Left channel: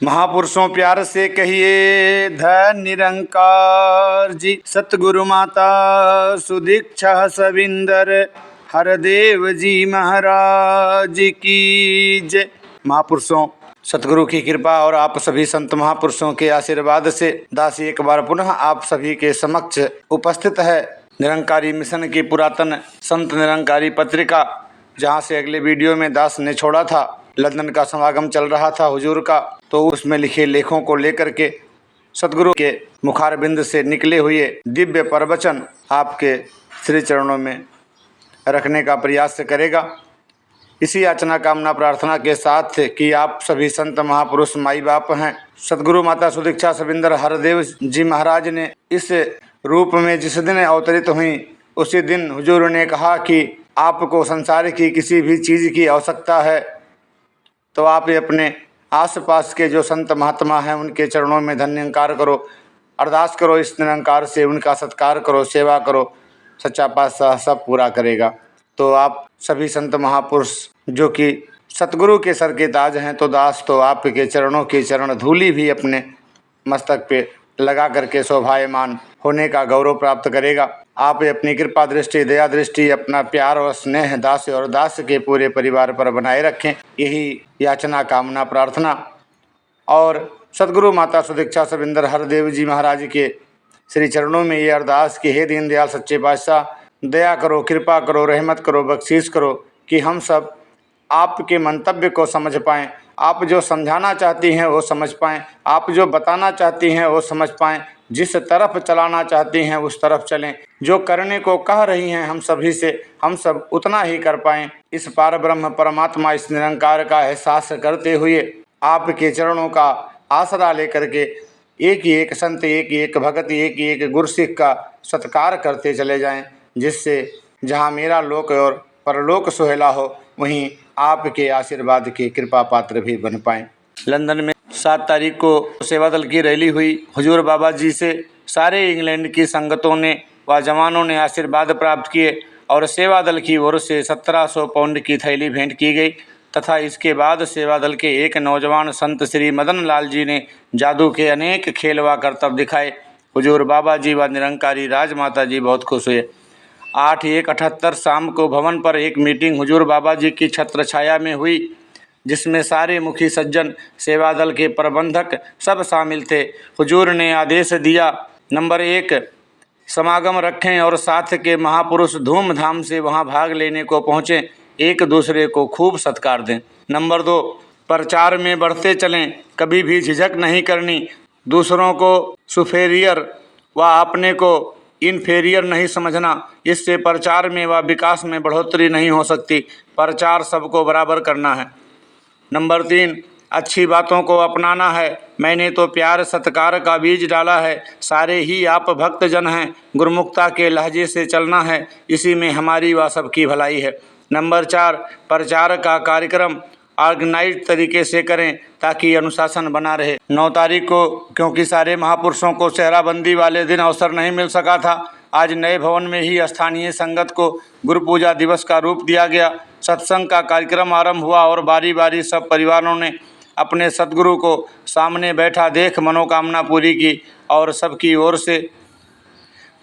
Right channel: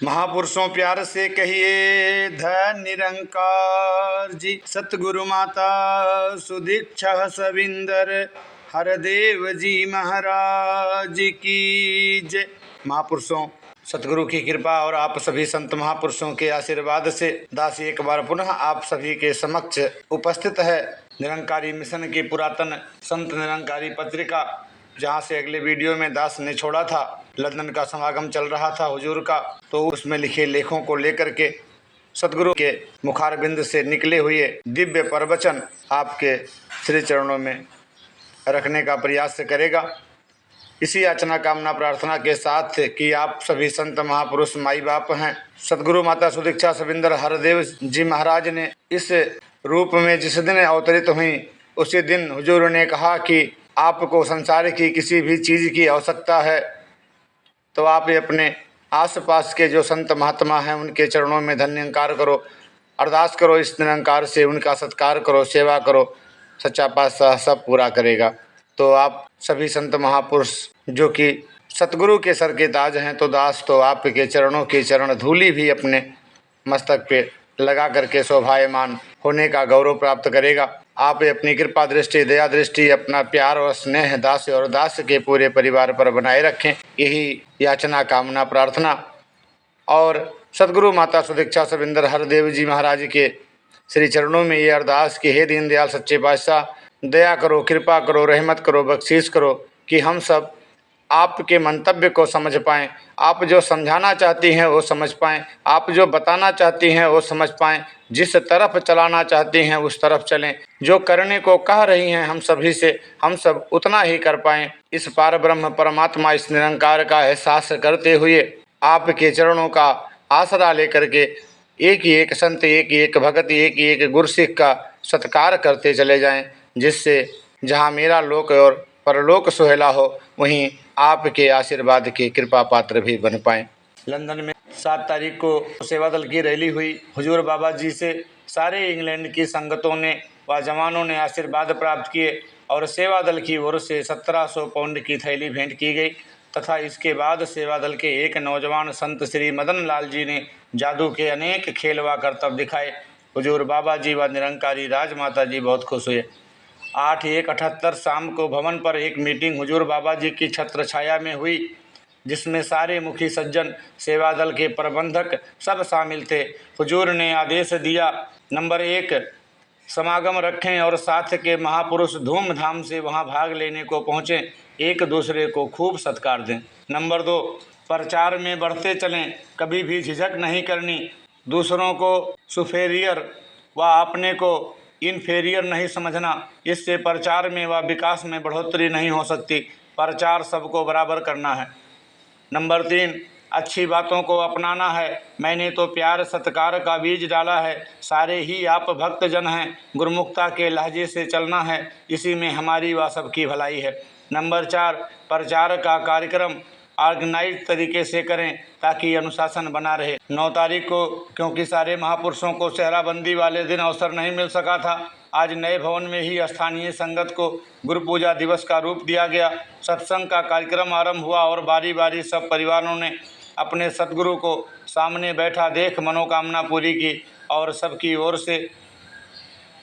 महापुरुषों प्यार से कहिए धन निरंकार जी। सतगुरु माता सुदीक्षा सविंदर हरदेव जी महाराज की जय। महापुरुषों, सतगुरु की कृपा और आप सभी संत महापुरुषों के आशीर्वाद से दास एक बार पुनः आप सभी के समक्ष उपस्थित है। निरंकारी मिशन की पुरातन संत निरंकारी पत्रिका, जहां से अगले वीडियो में दास ने छोड़ा था, लंदन का समागम चल रहा था हुजूर का, तो उसमें लिखे लेखों को लेकर के सतगुरु के मुखारबिंद से निकले हुए दिव्य प्रवचन आपके श्री चरणों में रखने का प्रयास करेगा। इसी याचना कामना प्रार्थना के साथ कि आप सभी संत महापुरुष माई बाप हैं। सतगुरु माता सुदीक्षा सविंदर हरदेव जी महाराज ने इस रूप में जिस दिन अवतरित हुई, उसी दिन हुजूर ने कहा कि आपको संसार की किसी भी चीज़ की आवश्यकता है तो आप अपने आसपास के जो संत महात्मा हैं उनके चरणों में धन्यंकार करो, अरदास करो, इस निरंकार से उनका सत्कार करो, सेवा करो, सच्चा पातशाह सब पूरा करेगा। तो आप सभी संत महापुरुष जो कि सतगुरु के सर के ताज हैं, तो दास तो आपके चरणों की चरण धूलि भी अपने मस्तक पे लगा करके शोभायमान होने का गौरव प्राप्त करेगा। आप अपनी कृपा दृष्टि, दया दृष्टि, अपना प्यार और स्नेह दास और दास के पूरे परिवार पर बनाए रखें, यही याचना कामना प्रार्थना। और सतगुरु माता सुदीक्षा सविंदर हरदेव जी महाराज के श्री चरणों में ये अरदास कि हे दीनदयाल सच्चे पातशाह, दया करो, कृपा करो, रहमत करो, बख्शीश करो कि हम सब आपके मंतव्य को समझ पाएँ, आप जो समझाना चाहती हैं वो समझ पाएँ, आप जो बताना चाहती हैं वो समझ पाएँ, जिस तरफ चलाना चाहती हैं उस तरफ चलें, जो करने को कह रही हैं हम सभी से हम सब उतना ही कर पाएँ। इस पार ब्रह्म परमात्मा, इस निरंकार का एहसास करते हुए आपके चरणों का आसरा लेकर के एक ही एक संत, एक ही एक भगत, एक ही एक गुरसिख का सत्कार करते चले जाएं, जिससे जहां मेरा लोक और परलोक सुहेला हो, वहीं आपके आशीर्वाद के कृपा पात्र भी बन पाएं। लंदन में 7 तारीख को सेवा दल की रैली हुई। हुजूर बाबा जी से सारे इंग्लैंड की संगतों ने व जवानों ने आशीर्वाद प्राप्त किए और सेवा दल की ओर से 1700 पाउंड की थैली भेंट की गई तथा इसके बाद सेवा दल के एक नौजवान संत श्री मदन लाल जी ने जादू के अनेक खेल व करतब दिखाए। हुजूर बाबा जी व निरंकारी राजमाता जी बहुत खुश हुए। 8/1/78 शाम को भवन पर एक मीटिंग हुजूर बाबा जी की छत्र छाया में हुई, जिसमें सारे मुखी सज्जन, सेवा दल के प्रबंधक सब शामिल थे। हुजूर ने आदेश दिया, नंबर 1 समागम रखें और साथ के महापुरुष धूमधाम से वहां भाग लेने को पहुँचें, एक दूसरे को खूब सत्कार दें। नंबर 2 प्रचार में बढ़ते चलें, कभी भी झिझक नहीं करनी, दूसरों को सुपेरियर व अपने को इन्फेरियर नहीं समझना, इससे प्रचार में व विकास में बढ़ोतरी नहीं हो सकती। प्रचार सबको बराबर करना है। नंबर 3 अच्छी बातों को अपनाना है। मैंने तो प्यार सत्कार का बीज डाला है, सारे ही आप भक्तजन हैं, गुरुमुखता के लहजे से चलना है, इसी में हमारी व सबकी भलाई है। नंबर 4 प्रचार का कार्यक्रम ऑर्गेनाइज तरीके से करें ताकि अनुशासन बना रहे। 9 तारीख को क्योंकि सारे महापुरुषों को सेहराबंदी वाले दिन अवसर नहीं मिल सका था, आज नए भवन में ही स्थानीय संगत को गुरु पूजा दिवस का रूप दिया गया। सत्संग का कार्यक्रम आरंभ हुआ और बारी बारी सब परिवारों ने अपने सतगुरु को सामने बैठा देख मनोकामना पूरी की और सबकी ओर से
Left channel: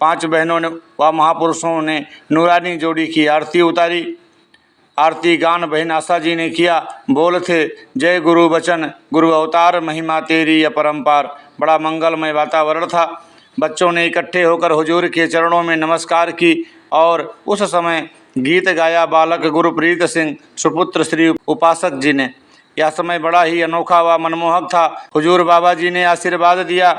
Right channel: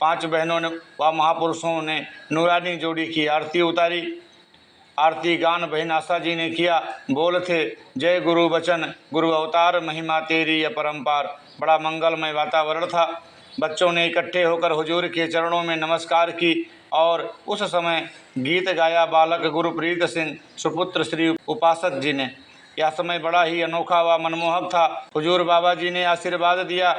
5 बहनों ने व महापुरुषों ने नूरानी जोड़ी की आरती उतारी। आरती गान बहन आशा जी ने किया। बोल थे जय गुरु बचन, गुरु अवतार, महिमा तेरी अपरंपार। बड़ा मंगलमय वातावरण था। बच्चों ने इकट्ठे होकर हुजूर के चरणों में नमस्कार की और उस समय गीत गाया बालक गुरप्रीत सिंह सुपुत्र श्री उपासक जी ने। यह समय बड़ा ही अनोखा व मनमोहक था। हुजूर बाबा जी ने आशीर्वाद दिया।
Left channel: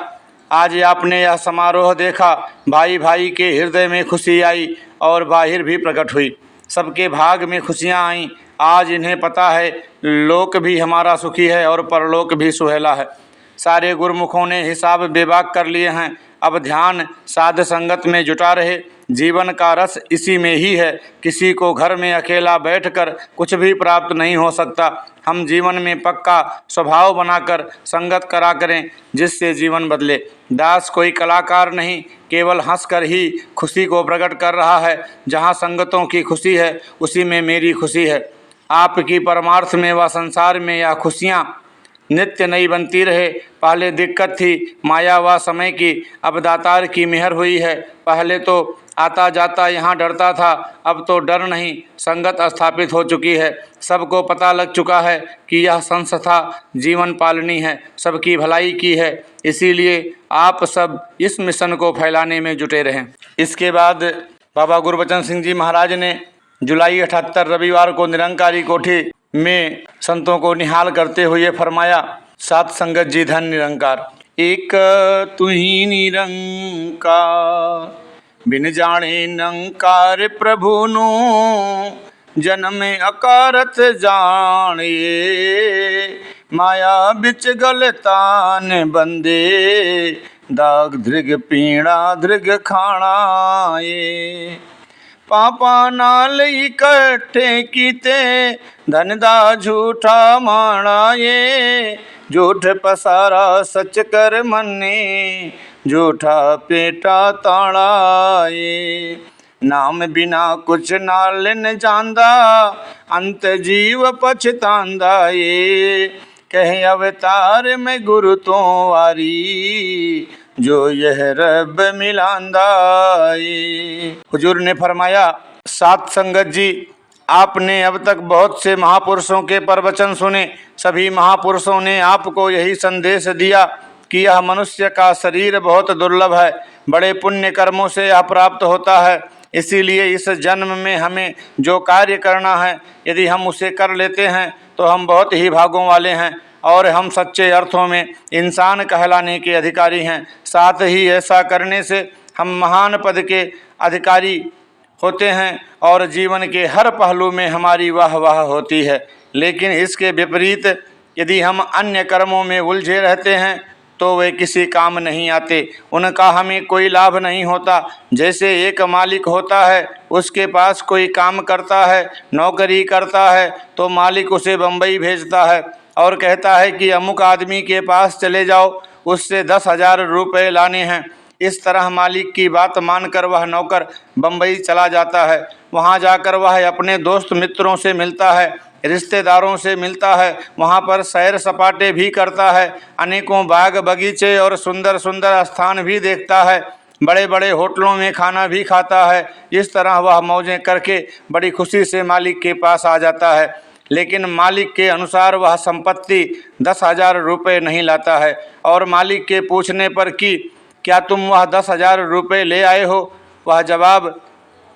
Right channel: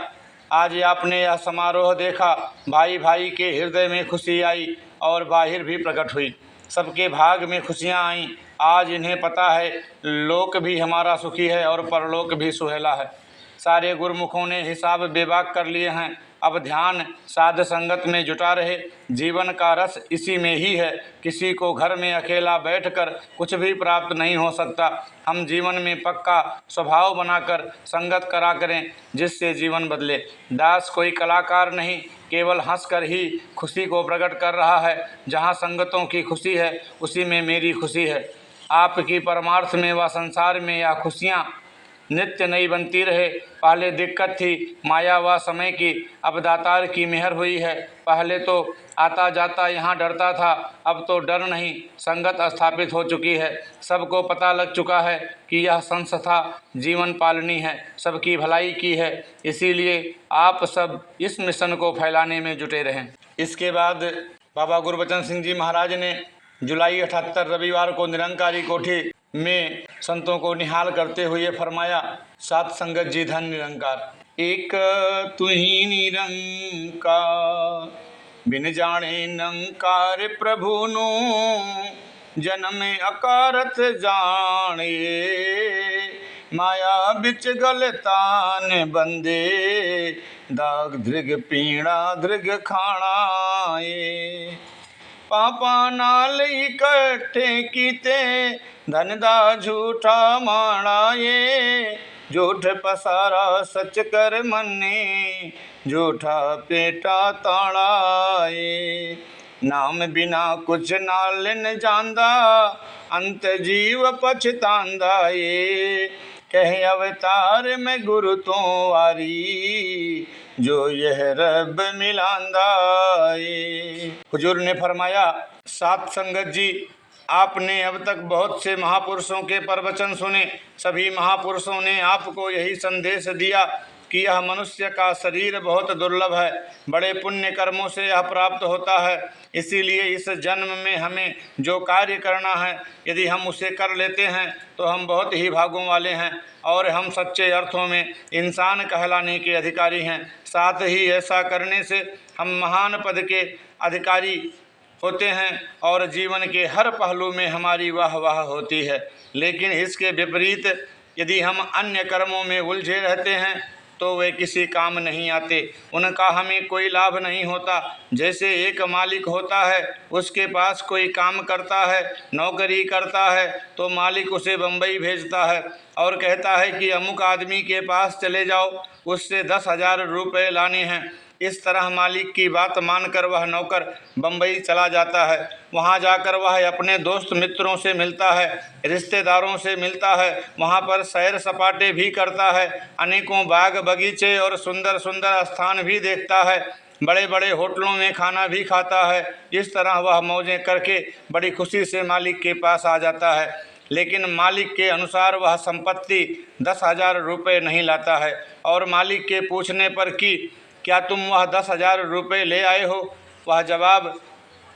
आज आपने यह समारोह देखा, भाई भाई के हृदय में खुशी आई और बाहिर भी प्रकट हुई। सबके भाग में खुशियाँ आईं। आज इन्हें पता है लोक भी हमारा सुखी है और परलोक भी सुहेला है। सारे गुरुमुखों ने हिसाब बेबाक कर लिए हैं। अब ध्यान साध संगत में जुटा रहे। जीवन का रस इसी में ही है। किसी को घर में अकेला बैठकर कुछ भी प्राप्त नहीं हो सकता। हम जीवन में पक्का स्वभाव बनाकर संगत करा करें, जिससे जीवन बदले। दास कोई कलाकार नहीं, केवल हंसकर ही खुशी को प्रकट कर रहा है। जहाँ संगतों की खुशी है उसी में मेरी खुशी है। आपकी परमार्थ में व संसार में यह खुशियाँ नित्य नई बनती रहे। पहले दिक्कत थी माया व समय की, अब दातार की मेहर हुई है। पहले तो आता जाता यहाँ डरता था, अब तो डर नहीं, संगत स्थापित हो चुकी है। सबको पता लग चुका है कि यह संस्था जीवन पालनी है, सबकी भलाई की है। इसीलिए आप सब इस मिशन को फैलाने में जुटे रहें। इसके बाद बाबा गुरबचन सिंह जी महाराज ने जुलाई 78 रविवार को निरंकारी कोठी में संतों को निहाल करते हुए फरमाया, सात संगत जी धन निरंकार। एक तुही निरंकार बिन जाने नंकार प्रभुनु, जन्म अकारत जाने माया बिच गलतान बंदे, दाग धृग पीड़ा धृग खाणाए। पापा नाल इकट्ठे कीते धन दा झूठा माणाए, झूठ पसारा सच कर मन्ने, झूठा पेटा ताड़ाए। नाम बिना कुछ नाल न जांदा, अंत जीव पछतांदा ये, कहे अवतार में गुरु तो वारी, जो यह रब मिलांदा ये। हुजूर ने फरमाया, सात संगत जी, आपने अब तक बहुत से महापुरुषों के प्रवचन सुने। सभी महापुरुषों ने आपको यही संदेश दिया कि यह मनुष्य का शरीर बहुत दुर्लभ है, बड़े पुण्य कर्मों से यह प्राप्त होता है। इसीलिए इस जन्म में हमें जो कार्य करना है, यदि हम उसे कर लेते हैं तो हम बहुत ही भागों वाले हैं और हम सच्चे अर्थों में इंसान कहलाने के अधिकारी हैं। साथ ही ऐसा करने से हम महान पद के अधिकारी होते हैं और जीवन के हर पहलू में हमारी वाह वाह होती है। लेकिन इसके विपरीत यदि हम अन्य कर्मों में उलझे रहते हैं तो वे किसी काम नहीं आते, उनका हमें कोई लाभ नहीं होता। जैसे एक मालिक होता है, उसके पास कोई काम करता है, नौकरी करता है, तो मालिक उसे बम्बई भेजता है और कहता है कि अमुक आदमी के पास चले जाओ, उससे 10,000 रुपये लाने हैं। इस तरह मालिक की बात मानकर वह नौकर बम्बई चला जाता है। वहाँ जाकर वह अपने दोस्त मित्रों से मिलता है, रिश्तेदारों से मिलता है, वहाँ पर सैर सपाटे भी करता है, अनेकों बाग बगीचे और सुंदर सुंदर स्थान भी देखता है, बड़े बड़े होटलों में खाना भी खाता है। इस तरह वह मौजें करके बड़ी खुशी से मालिक के पास आ जाता है। लेकिन मालिक के अनुसार वह संपत्ति 10,000 रुपये नहीं लाता है और मालिक के पूछने पर कि क्या तुम वह 10,000 रुपये ले आए हो, वह जवाब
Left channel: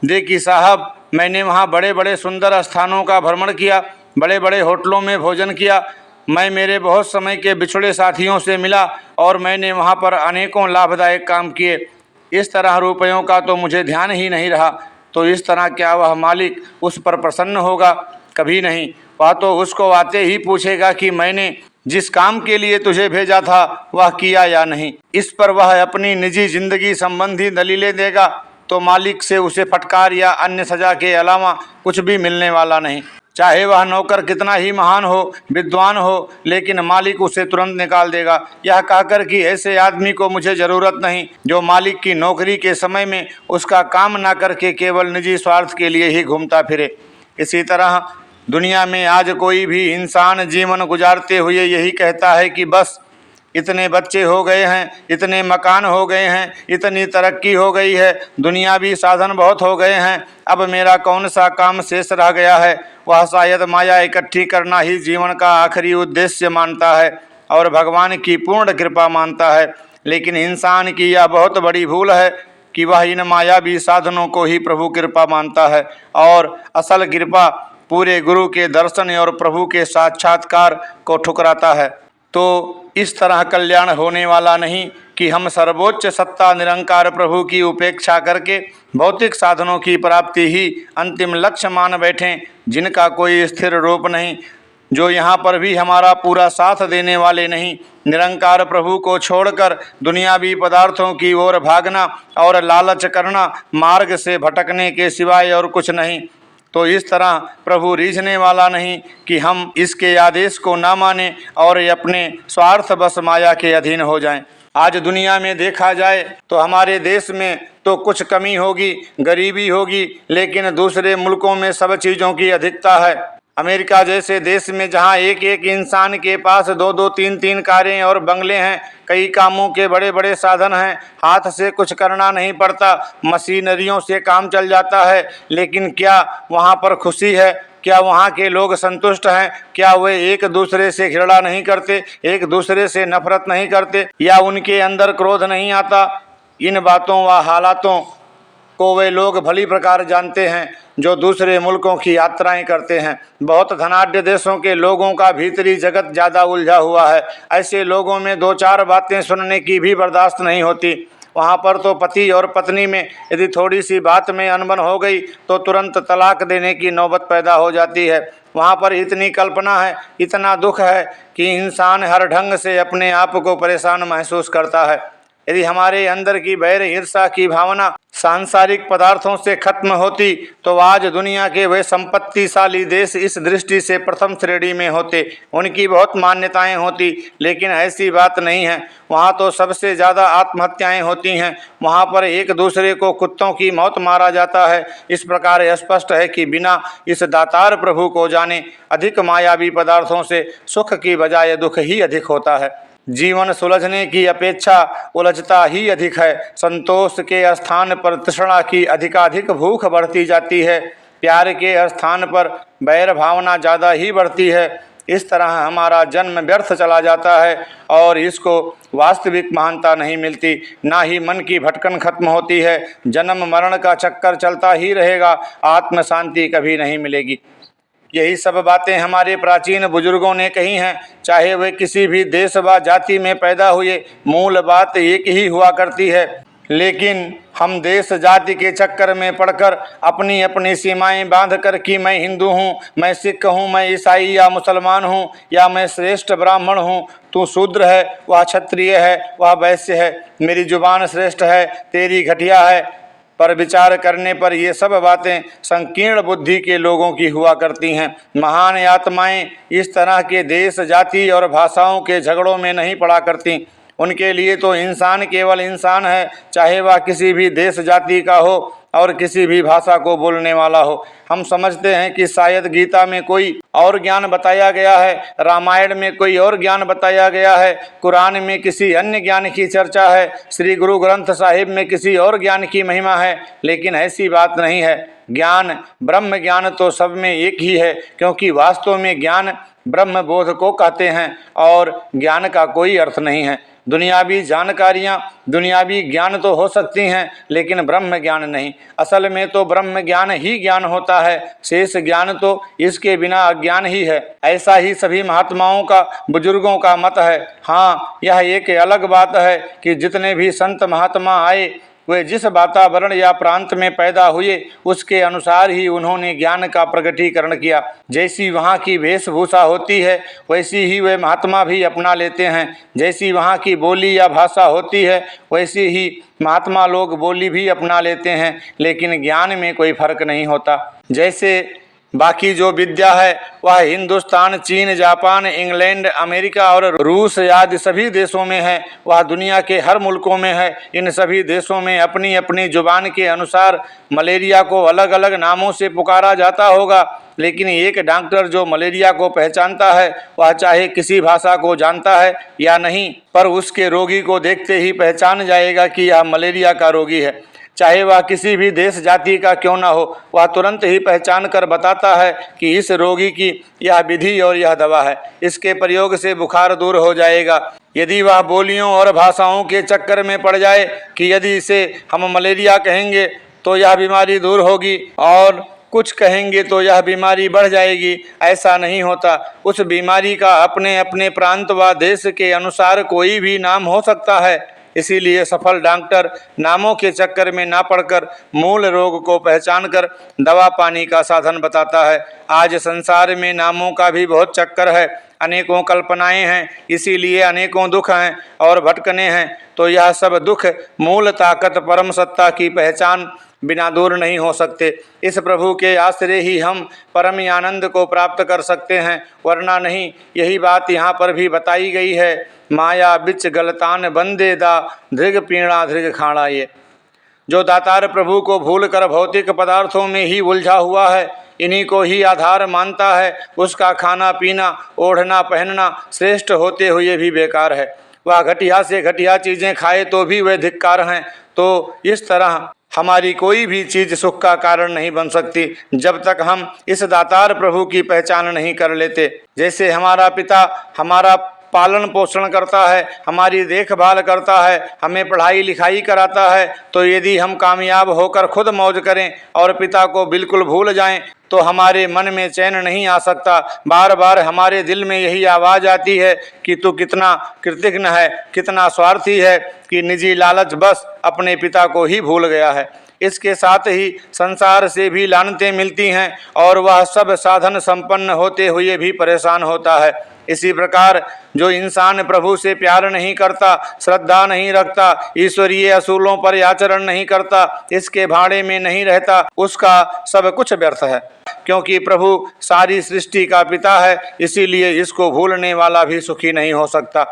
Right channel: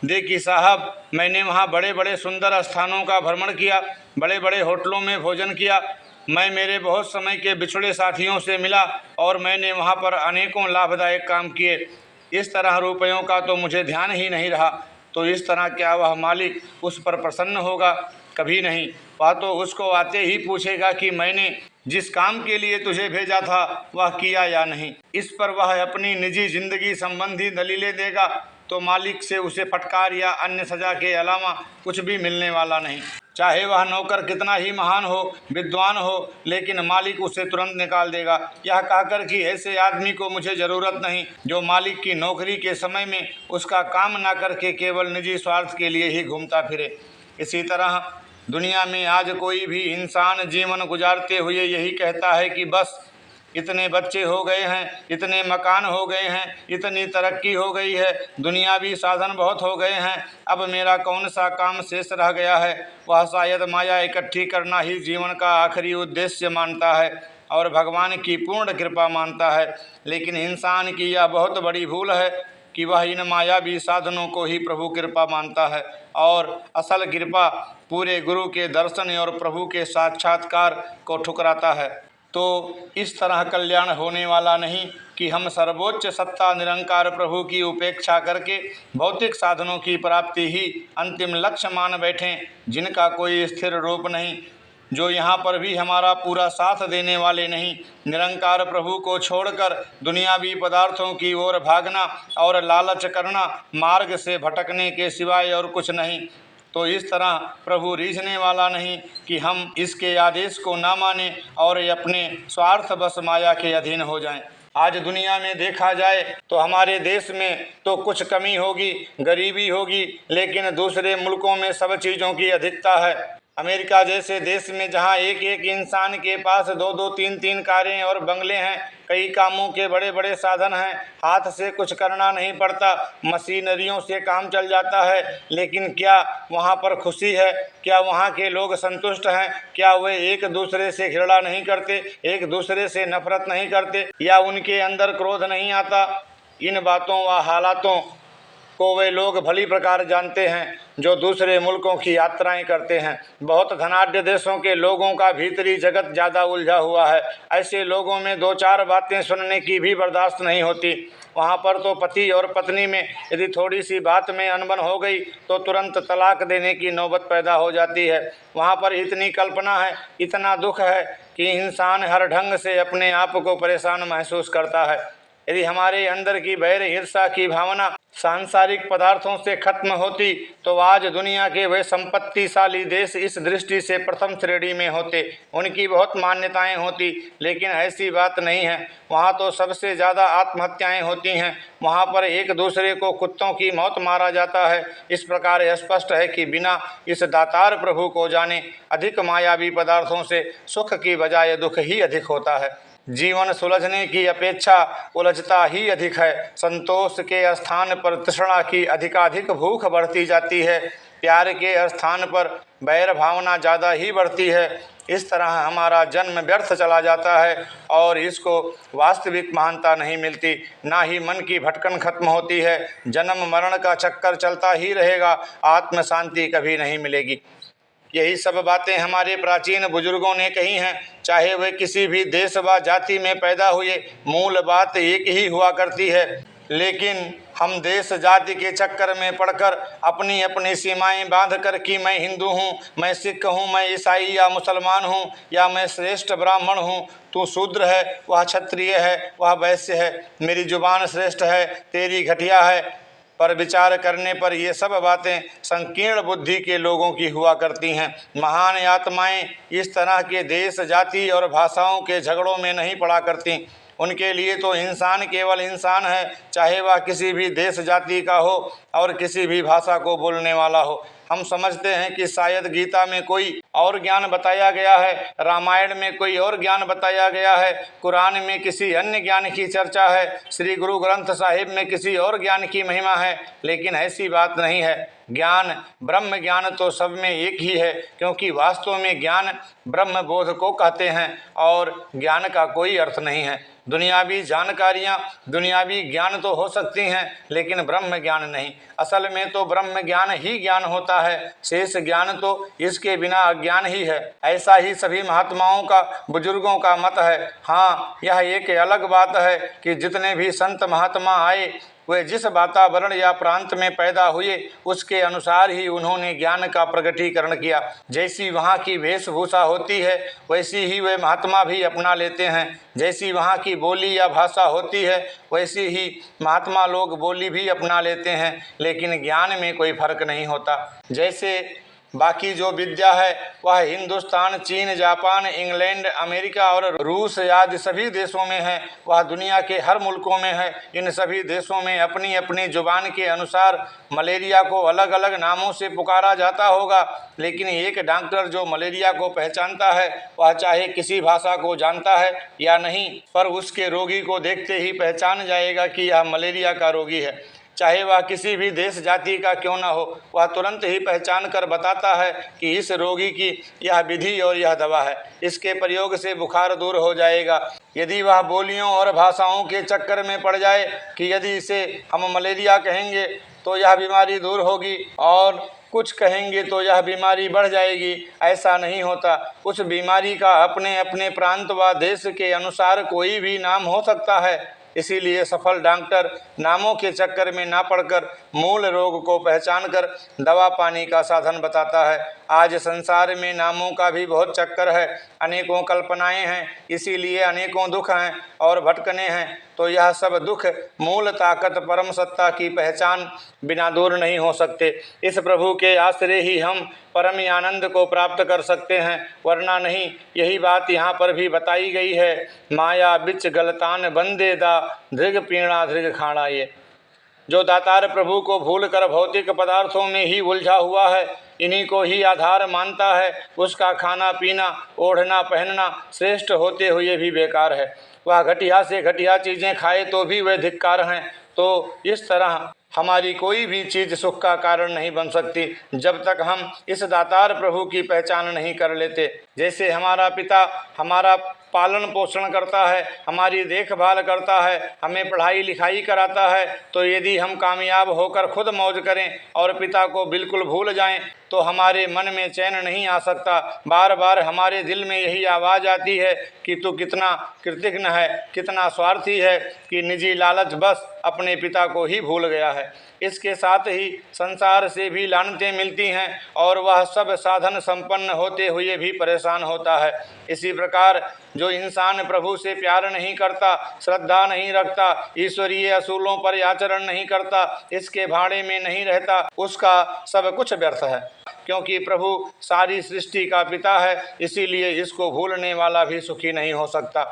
दे कि साहब, मैंने वहाँ बड़े बड़े सुंदर स्थानों का भ्रमण किया, बड़े बड़े होटलों में भोजन किया, मैं मेरे बहुत समय के बिछड़े साथियों से मिला और मैंने वहाँ पर अनेकों लाभदायक काम किए। इस तरह रुपयों का तो मुझे ध्यान ही नहीं रहा। तो इस तरह क्या वह मालिक उस पर प्रसन्न होगा? कभी नहीं। वह तो उसको आते ही पूछेगा कि मैंने जिस काम के लिए तुझे भेजा था वह किया या नहीं। इस पर वह अपनी निजी जिंदगी संबंधी दलीलें देगा तो मालिक से उसे फटकार या अन्य सजा के अलावा कुछ भी मिलने वाला नहीं। चाहे वह नौकर कितना ही महान हो, विद्वान हो, लेकिन मालिक उसे तुरंत निकाल देगा, यह कहकर कि ऐसे आदमी को मुझे ज़रूरत नहीं जो मालिक की नौकरी के समय में उसका काम ना करके केवल निजी स्वार्थ के लिए ही घूमता फिरे। इसी तरह दुनिया में आज कोई भी इंसान जीवन गुजारते हुए यही कहता है कि बस इतने बच्चे हो गए हैं, इतने मकान हो गए हैं, इतनी तरक्की हो गई है, दुनियावी साधन बहुत हो गए हैं, अब मेरा कौन सा काम शेष रह गया है। वह शायद माया इकट्ठी करना ही जीवन का आखिरी उद्देश्य मानता है और भगवान की पूर्ण कृपा मानता है। लेकिन इंसान की यह बहुत बड़ी भूल है कि वह इन मायावी साधनों को ही प्रभु कृपा मानता है और असल कृपा पूरे गुरु के दर्शन और प्रभु के साक्षात्कार को ठुकराता है। तो इस तरह कल्याण होने वाला नहीं कि हम सर्वोच्च सत्ता निरंकार प्रभु की उपेक्षा करके भौतिक साधनों की प्राप्ति ही अंतिम लक्ष्य मान बैठें, जिनका कोई स्थिर रूप नहीं, जो यहाँ पर भी हमारा पूरा साथ देने वाले नहीं। निरंकार प्रभु को छोड़कर दुनियावी पदार्थों की ओर भागना और लालच करना मार्ग से भटकने के सिवाय और कुछ नहीं। तो इस तरह प्रभु रीझने वाला नहीं कि हम इसके आदेश को ना माने और अपने स्वार्थ बस माया के अधीन हो जाएं। आज दुनिया में देखा जाए तो हमारे देश में तो कुछ कमी होगी, गरीबी होगी, लेकिन दूसरे मुल्कों में सब चीज़ों की अधिकता है। अमेरिका जैसे देश में जहां एक एक इंसान के पास दो दो तीन तीन कारें और बंगले हैं, कई कामों के बड़े बड़े साधन हैं, हाथ से कुछ करना नहीं पड़ता, मशीनरियों से काम चल जाता है, लेकिन क्या वहां पर खुशी है? क्या वहाँ के लोग संतुष्ट हैं? क्या वे एक दूसरे से घृणा नहीं करते, एक दूसरे से नफरत नहीं करते, या उनके अंदर क्रोध नहीं आता? इन बातों व हालातों को वे लोग भली प्रकार जानते हैं जो दूसरे मुल्कों की यात्राएं करते हैं। बहुत धनाढ्य देशों के लोगों का भीतरी जगत ज़्यादा उलझा हुआ है। ऐसे लोगों में दो चार बातें सुनने की भी बर्दाश्त नहीं होती। वहाँ पर तो पति और पत्नी में यदि थोड़ी सी बात में अनबन हो गई तो तुरंत तलाक देने की नौबत पैदा हो जाती है। वहाँ पर इतनी कल्पना है, इतना दुख है कि इंसान हर ढंग से अपने आप को परेशान महसूस करता है। यदि हमारे अंदर की बैर ईर्षा की भावना सांसारिक पदार्थों से खत्म होती तो आज दुनिया के वे संपत्तिशाली देश इस दृष्टि से प्रथम श्रेणी में होते, उनकी बहुत मान्यताएं होती, लेकिन ऐसी बात नहीं है। वहाँ तो सबसे ज़्यादा आत्महत्याएं होती हैं, वहाँ पर एक दूसरे को कुत्तों की मौत मारा जाता है। इस प्रकार स्पष्ट है कि बिना इस दातार प्रभु को जाने अधिक मायावी पदार्थों से सुख की बजाय दुख ही अधिक होता है। जीवन सुलझने की अपेक्षा उलझता ही अधिक है। संतोष के स्थान पर तृष्णा की अधिकाधिक भूख बढ़ती जाती है, प्यार के स्थान पर बैर भावना ज़्यादा ही बढ़ती है। इस तरह हमारा जन्म व्यर्थ चला जाता है और इसको वास्तविक महानता नहीं मिलती, ना ही मन की भटकन खत्म होती है। जन्म मरण का चक्कर चलता ही रहेगा, आत्म शांति कभी नहीं मिलेगी। यही सब बातें हमारे प्राचीन बुजुर्गों ने कही हैं, चाहे वे किसी भी देश व जाति में पैदा हुए, मूल बात एक ही हुआ करती है। लेकिन हम देश जाति के चक्कर में पड़कर अपनी अपनी सीमाएं बांधकर कि मैं हिंदू हूँ, मैं सिख हूँ, मैं ईसाई या मुसलमान हूँ, या मैं श्रेष्ठ ब्राह्मण हूँ, तू शूद्र है, वह क्षत्रिय है, वह वैश्य है, मेरी जुबान श्रेष्ठ है, तेरी घटिया है, पर विचार करने पर ये सब बातें संकीर्ण बुद्धि के लोगों की हुआ करती हैं। महान आत्माएं इस तरह के देश जाति और भाषाओं के झगड़ों में नहीं पड़ा करती। उनके लिए तो इंसान केवल इंसान है, चाहे वह किसी भी देश जाति का हो और किसी भी भाषा को बोलने वाला हो। हम समझते हैं कि शायद गीता में कोई और ज्ञान बताया गया है, रामायण में कोई और ज्ञान बताया गया है, कुरान में किसी अन्य ज्ञान की चर्चा है, श्री गुरु ग्रंथ साहिब में किसी और ज्ञान की महिमा है, लेकिन ऐसी बात नहीं है। ज्ञान, ब्रह्म ज्ञान तो सब में एक ही है, क्योंकि वास्तव में ज्ञान ब्रह्म बोध को कहते हैं और ज्ञान का कोई अर्थ नहीं है। दुनियावी जानकारियाँ, दुनियावी ज्ञान तो हो सकती हैं, लेकिन ब्रह्म ज्ञान नहीं। असल में तो ब्रह्म ज्ञान ही ज्ञान होता है, शेष ज्ञान तो इसके बिना अज्ञान ही है। ऐसा ही सभी महात्माओं का, बुजुर्गों का मत है। हाँ, यह एक अलग बात है कि जितने भी संत महात्मा आए वे जिस वातावरण या प्रांत में पैदा हुए उसके अनुसार ही उन्होंने ज्ञान का प्रकटीकरण किया। जैसी वहाँ की वेशभूषा होती है वैसी ही वे महात्मा भी अपना लेते हैं। जैसी वहाँ की बोली या भाषा होती है वैसी ही महात्मा लोग बोली भी अपना लेते हैं, लेकिन ज्ञान में कोई फर्क नहीं होता। जैसे बाकी जो विद्या है वह हिंदुस्तान, चीन, जापान, इंग्लैंड, अमेरिका और रूस आदि सभी देशों में है, वह दुनिया के हर मुल्कों में है। इन सभी देशों में अपनी अपनी जुबान के अनुसार मलेरिया को अलग अलग नामों से पुकारा जाता होगा, लेकिन एक डॉक्टर जो मलेरिया को पहचानता है वह चाहे किसी भाषा को जानता है या नहीं, पर उसके रोगी को देखते ही पहचान जाएगा कि यह मलेरिया का रोगी है। चाहे वह किसी भी देश जाति का क्यों न हो, वह तुरंत ही पहचान कर बताता है कि इस रोगी की यह विधि और यह दवा है, इसके प्रयोग से बुखार दूर हो जाएगा। यदि वह बोलियों और भाषाओं के चक्कर में पड़ जाए कि यदि इसे हम मलेरिया कहेंगे तो यह बीमारी दूर होगी और कुछ कहेंगे तो यह बीमारी बढ़ जाएगी, ऐसा नहीं होता। उस बीमारी का अपने अपने प्रांत व देश के अनुसार कोई भी नाम हो सकता है। इसीलिए सफल डॉक्टर नामों के चक्कर में ना पड़कर मूल रोग को पहचान कर दवा पानी का साधन बताता है। आज संसार में नामों का भी बहुत चक्कर है, अनेकों कल्पनाएं हैं, इसीलिए अनेकों दुख हैं और भटकने हैं। तो यह सब दुख मूल ताकत परम सत्ता की पहचान बिना दूर नहीं हो सकते। इस प्रभु के आश्रय ही हम परम आनंद को प्राप्त कर सकते हैं, वरना नहीं। यही बात यहाँ पर भी बताई गई है, माया बिच गलतान बंदे दा धृग पीणा धृग खाड़ा। ये जो दातार प्रभु को भूल कर भौतिक पदार्थों में ही उलझा हुआ है, इन्हीं को ही आधार मानता है, उसका खाना पीना ओढ़ना पहनना श्रेष्ठ होते हुए भी बेकार है। वह घटिया से घटिया चीज़ें खाए तो भी वे धिक्कार हैं। तो इस तरह हमारी कोई भी चीज़ सुख का कारण नहीं बन सकती जब तक हम इस दातार प्रभु की पहचान नहीं कर लेते। जैसे हमारा पिता हमारा पालन पोषण करता है, हमारी देखभाल करता है, हमें पढ़ाई लिखाई कराता है, तो यदि हम कामयाब होकर खुद मौज करें और पिता को बिल्कुल भूल जाएं तो हमारे मन में चैन नहीं आ सकता। बार बार हमारे दिल में यही आवाज़ आती है कि तू कितना कृतघ्न है, कितना स्वार्थी है कि निजी लालच बस अपने पिता को ही भूल गया है। इसके साथ ही संसार से भी लानतें मिलती हैं और वह सब साधन संपन्न होते हुए भी परेशान होता है। इसी प्रकार जो इंसान प्रभु से प्यार नहीं करता, श्रद्धा नहीं रखता, ईश्वरीय असूलों पर आचरण नहीं करता, इसके भाड़े में नहीं रहता, उसका सब कुछ व्यर्थ है। क्योंकि प्रभु सारी सृष्टि का पिता है, इसीलिए इसको भूलने वाला भी सुखी नहीं हो सकता।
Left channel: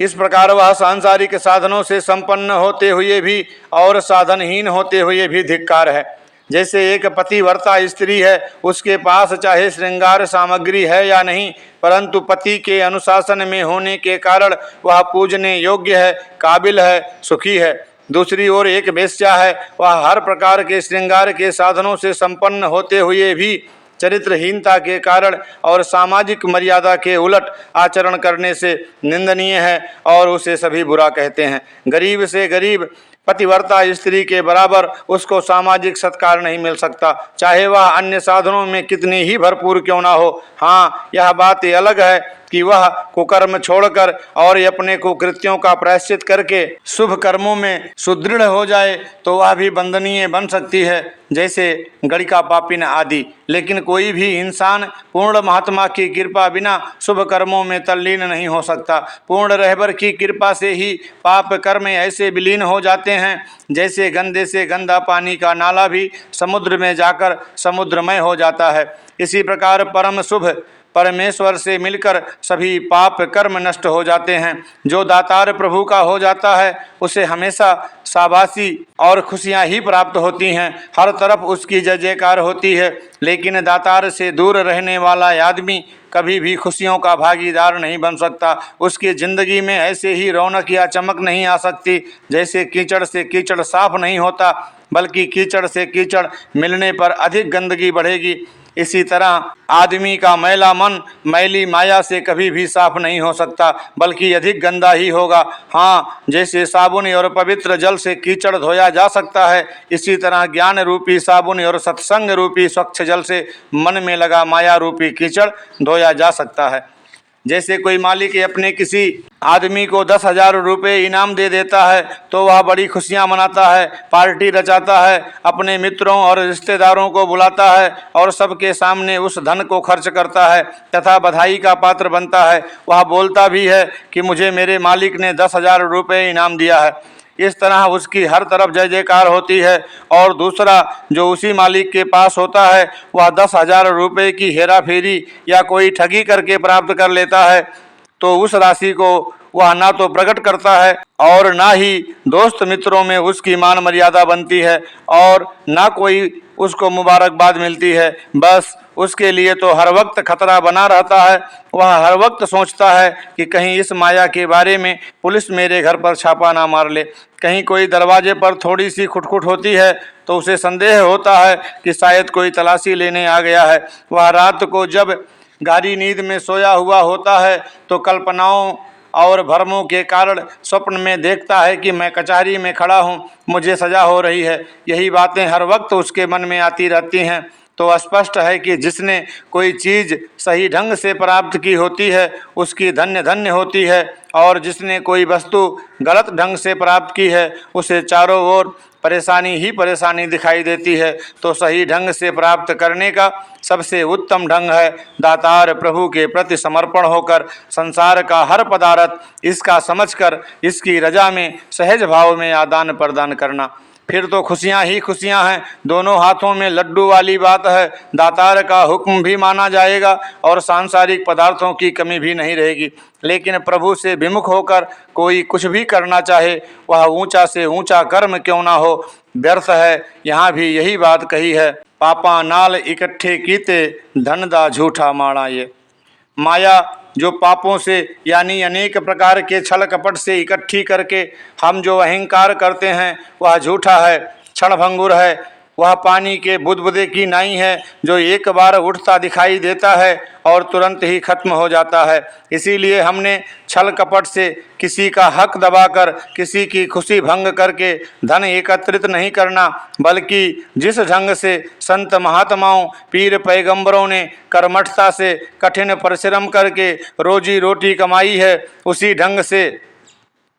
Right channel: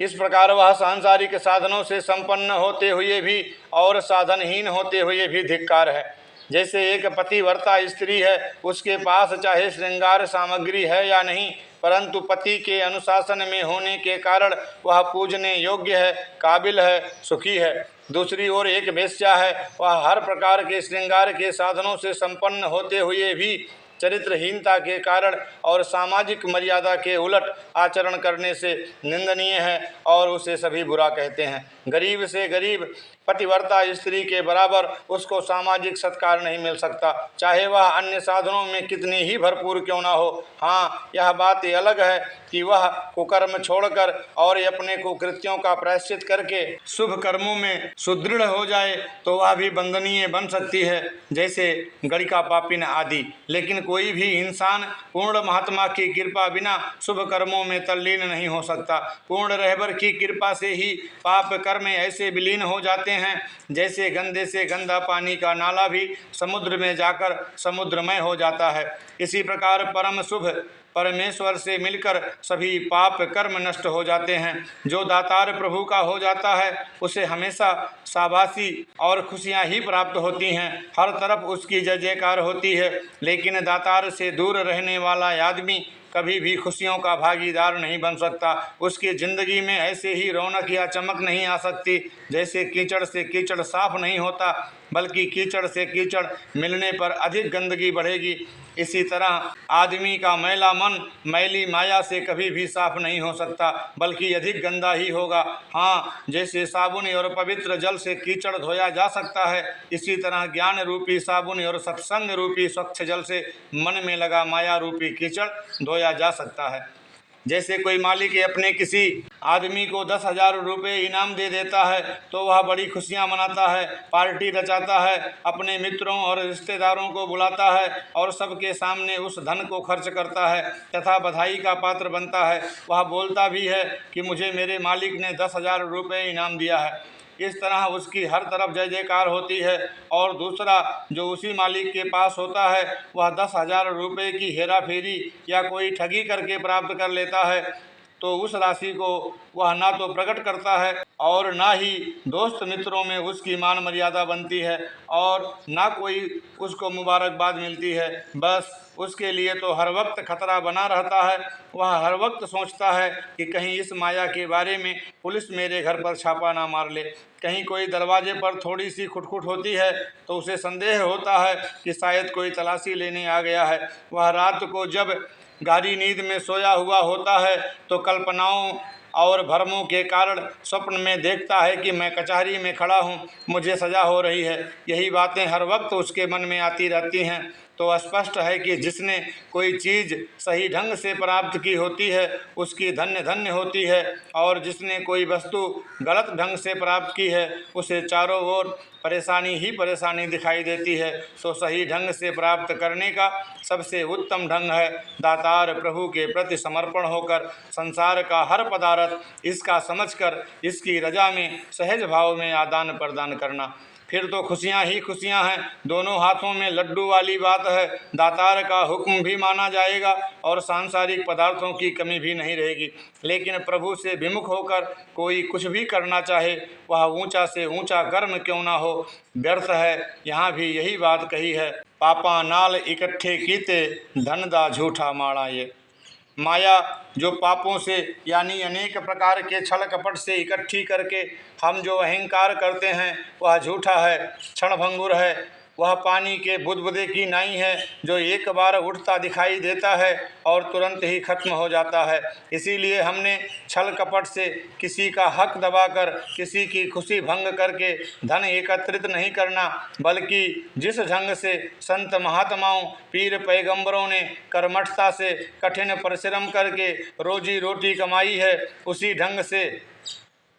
इस प्रकार वह सांसारिक साधनों से संपन्न होते हुए भी और साधनहीन होते हुए भी धिक्कार है। जैसे एक पतिव्रता स्त्री है, उसके पास चाहे श्रृंगार सामग्री है या नहीं, परंतु पति के अनुशासन में होने के कारण वह पूजने योग्य है, काबिल है, सुखी है। दूसरी ओर एक वेश्या है, वह हर प्रकार के श्रृंगार के साधनों से संपन्न होते हुए भी चरित्रहीनता के कारण और सामाजिक मर्यादा के उलट आचरण करने से निंदनीय है और उसे सभी बुरा कहते हैं। गरीब से गरीब पतिव्रता स्त्री के बराबर उसको सामाजिक सत्कार नहीं मिल सकता, चाहे वह अन्य साधनों में कितनी ही भरपूर क्यों ना हो। हाँ, यह बात अलग है कि वह कुकर्म छोड़कर और अपने कुकृत्यों का प्रायश्चित करके शुभ कर्मों में सुदृढ़ हो जाए तो वह भी वंदनीय बन सकती है, जैसे गणिका पापिन आदि। लेकिन कोई भी इंसान पूर्ण महात्मा की कृपा बिना शुभ कर्मों में तल्लीन नहीं हो सकता। पूर्ण रहबर की कृपा से ही पाप कर्म ऐसे विलीन हो जाते हैं जैसे गंदे से गंदा पानी का नाला भी समुद्र में जाकर समुद्रमय हो जाता है। इसी प्रकार परम शुभ परमेश्वर से मिलकर सभी पाप कर्म नष्ट हो जाते हैं। जो दातार प्रभु का हो जाता है उसे हमेशा शाबाशी और खुशियां ही प्राप्त होती हैं, हर तरफ उसकी जय जयकार होती है। लेकिन दातार से दूर रहने वाला आदमी कभी भी खुशियों का भागीदार नहीं बन सकता। उसकी ज़िंदगी में ऐसे ही रौनक या चमक नहीं आ सकती जैसे कीचड़ से कीचड़ साफ नहीं होता, बल्कि कीचड़ से कीचड़ मिलने पर अधिक गंदगी बढ़ेगी। इसी तरह आदमी का मैला मन मैली माया से कभी भी साफ नहीं हो सकता, बल्कि अधिक गंदा ही होगा। हाँ, जैसे साबुन और पवित्र जल से कीचड़ धोया जा सकता है, इसी तरह ज्ञान रूपी साबुन और सत्संग रूपी स्वच्छ जल से मन में लगा माया रूपी कीचड़ धोया जा सकता है। जैसे कोई मालिक अपने किसी आदमी को 10,000 रुपये इनाम दे देता है तो वह बड़ी खुशियां मनाता है, पार्टी रचाता है, अपने मित्रों और रिश्तेदारों को बुलाता है और सबके सामने उस धन को खर्च करता है तथा बधाई का पात्र बनता है। वह बोलता भी है कि मुझे मेरे मालिक ने 10,000 रुपये इनाम दिया है। इस तरह उसकी हर तरफ जय जयकार होती है। और दूसरा जो उसी मालिक के पास होता है वह 10,000 रुपये की हेरा फेरी या कोई ठगी करके प्राप्त कर लेता है तो उस राशि को वह ना तो प्रकट करता है और ना ही दोस्त मित्रों में उसकी मान मर्यादा बनती है और ना कोई उसको मुबारकबाद मिलती है। बस उसके लिए तो हर वक्त खतरा बना रहता है। वह हर वक्त सोचता है कि कहीं इस माया के बारे में पुलिस मेरे घर पर छापा ना मार ले। कहीं कोई दरवाजे पर थोड़ी सी खुटखुट होती है तो उसे संदेह होता है कि शायद कोई तलाशी लेने आ गया है। वह रात को जब गहरी नींद में सोया हुआ होता है तो कल्पनाओं और भ्रमों के कारण स्वप्न में देखता है कि मैं कचहरी में खड़ा हूँ, मुझे सज़ा हो रही है। यही बातें हर वक्त उसके मन में आती रहती हैं। तो स्पष्ट है कि जिसने कोई चीज़ सही ढंग से प्राप्त की होती है उसकी धन्य धन्य होती है और जिसने कोई वस्तु गलत ढंग से प्राप्त की है उसे चारों ओर परेशानी ही परेशानी दिखाई देती है। तो सही ढंग से प्राप्त करने का सबसे उत्तम ढंग है दातार प्रभु के प्रति समर्पण होकर संसार का हर पदार्थ इसका समझकर इसकी रजा में सहज भाव में आदान प्रदान करना। फिर तो खुशियाँ ही खुशियाँ हैं, दोनों हाथों में लड्डू वाली बात है। दातार का हुक्म भी माना जाएगा और सांसारिक पदार्थों की कमी भी नहीं रहेगी। लेकिन प्रभु से विमुख होकर कोई कुछ भी करना चाहे वह ऊंचा से ऊंचा कर्म क्यों ना हो व्यर्थ है। यहाँ भी यही बात कही है। पापा नाल इकट्ठे कीते धन दा झूठा माड़ा। ये माया जो पापों से यानी अनेक प्रकार के छल कपट से इकट्ठी करके हम जो अहंकार करते हैं वह झूठा है, क्षणभंगुर है। वह पानी के बुदबुदे की नाई है जो एक बार उठता दिखाई देता है और तुरंत ही खत्म हो जाता है। इसीलिए हमने छल कपट से किसी का हक दबाकर किसी की खुशी भंग करके धन एकत्रित नहीं करना, बल्कि जिस ढंग से संत महात्माओं पीर पैगंबरों ने कर्मठता से कठिन परिश्रम करके रोजी रोटी कमाई है, उसी ढंग से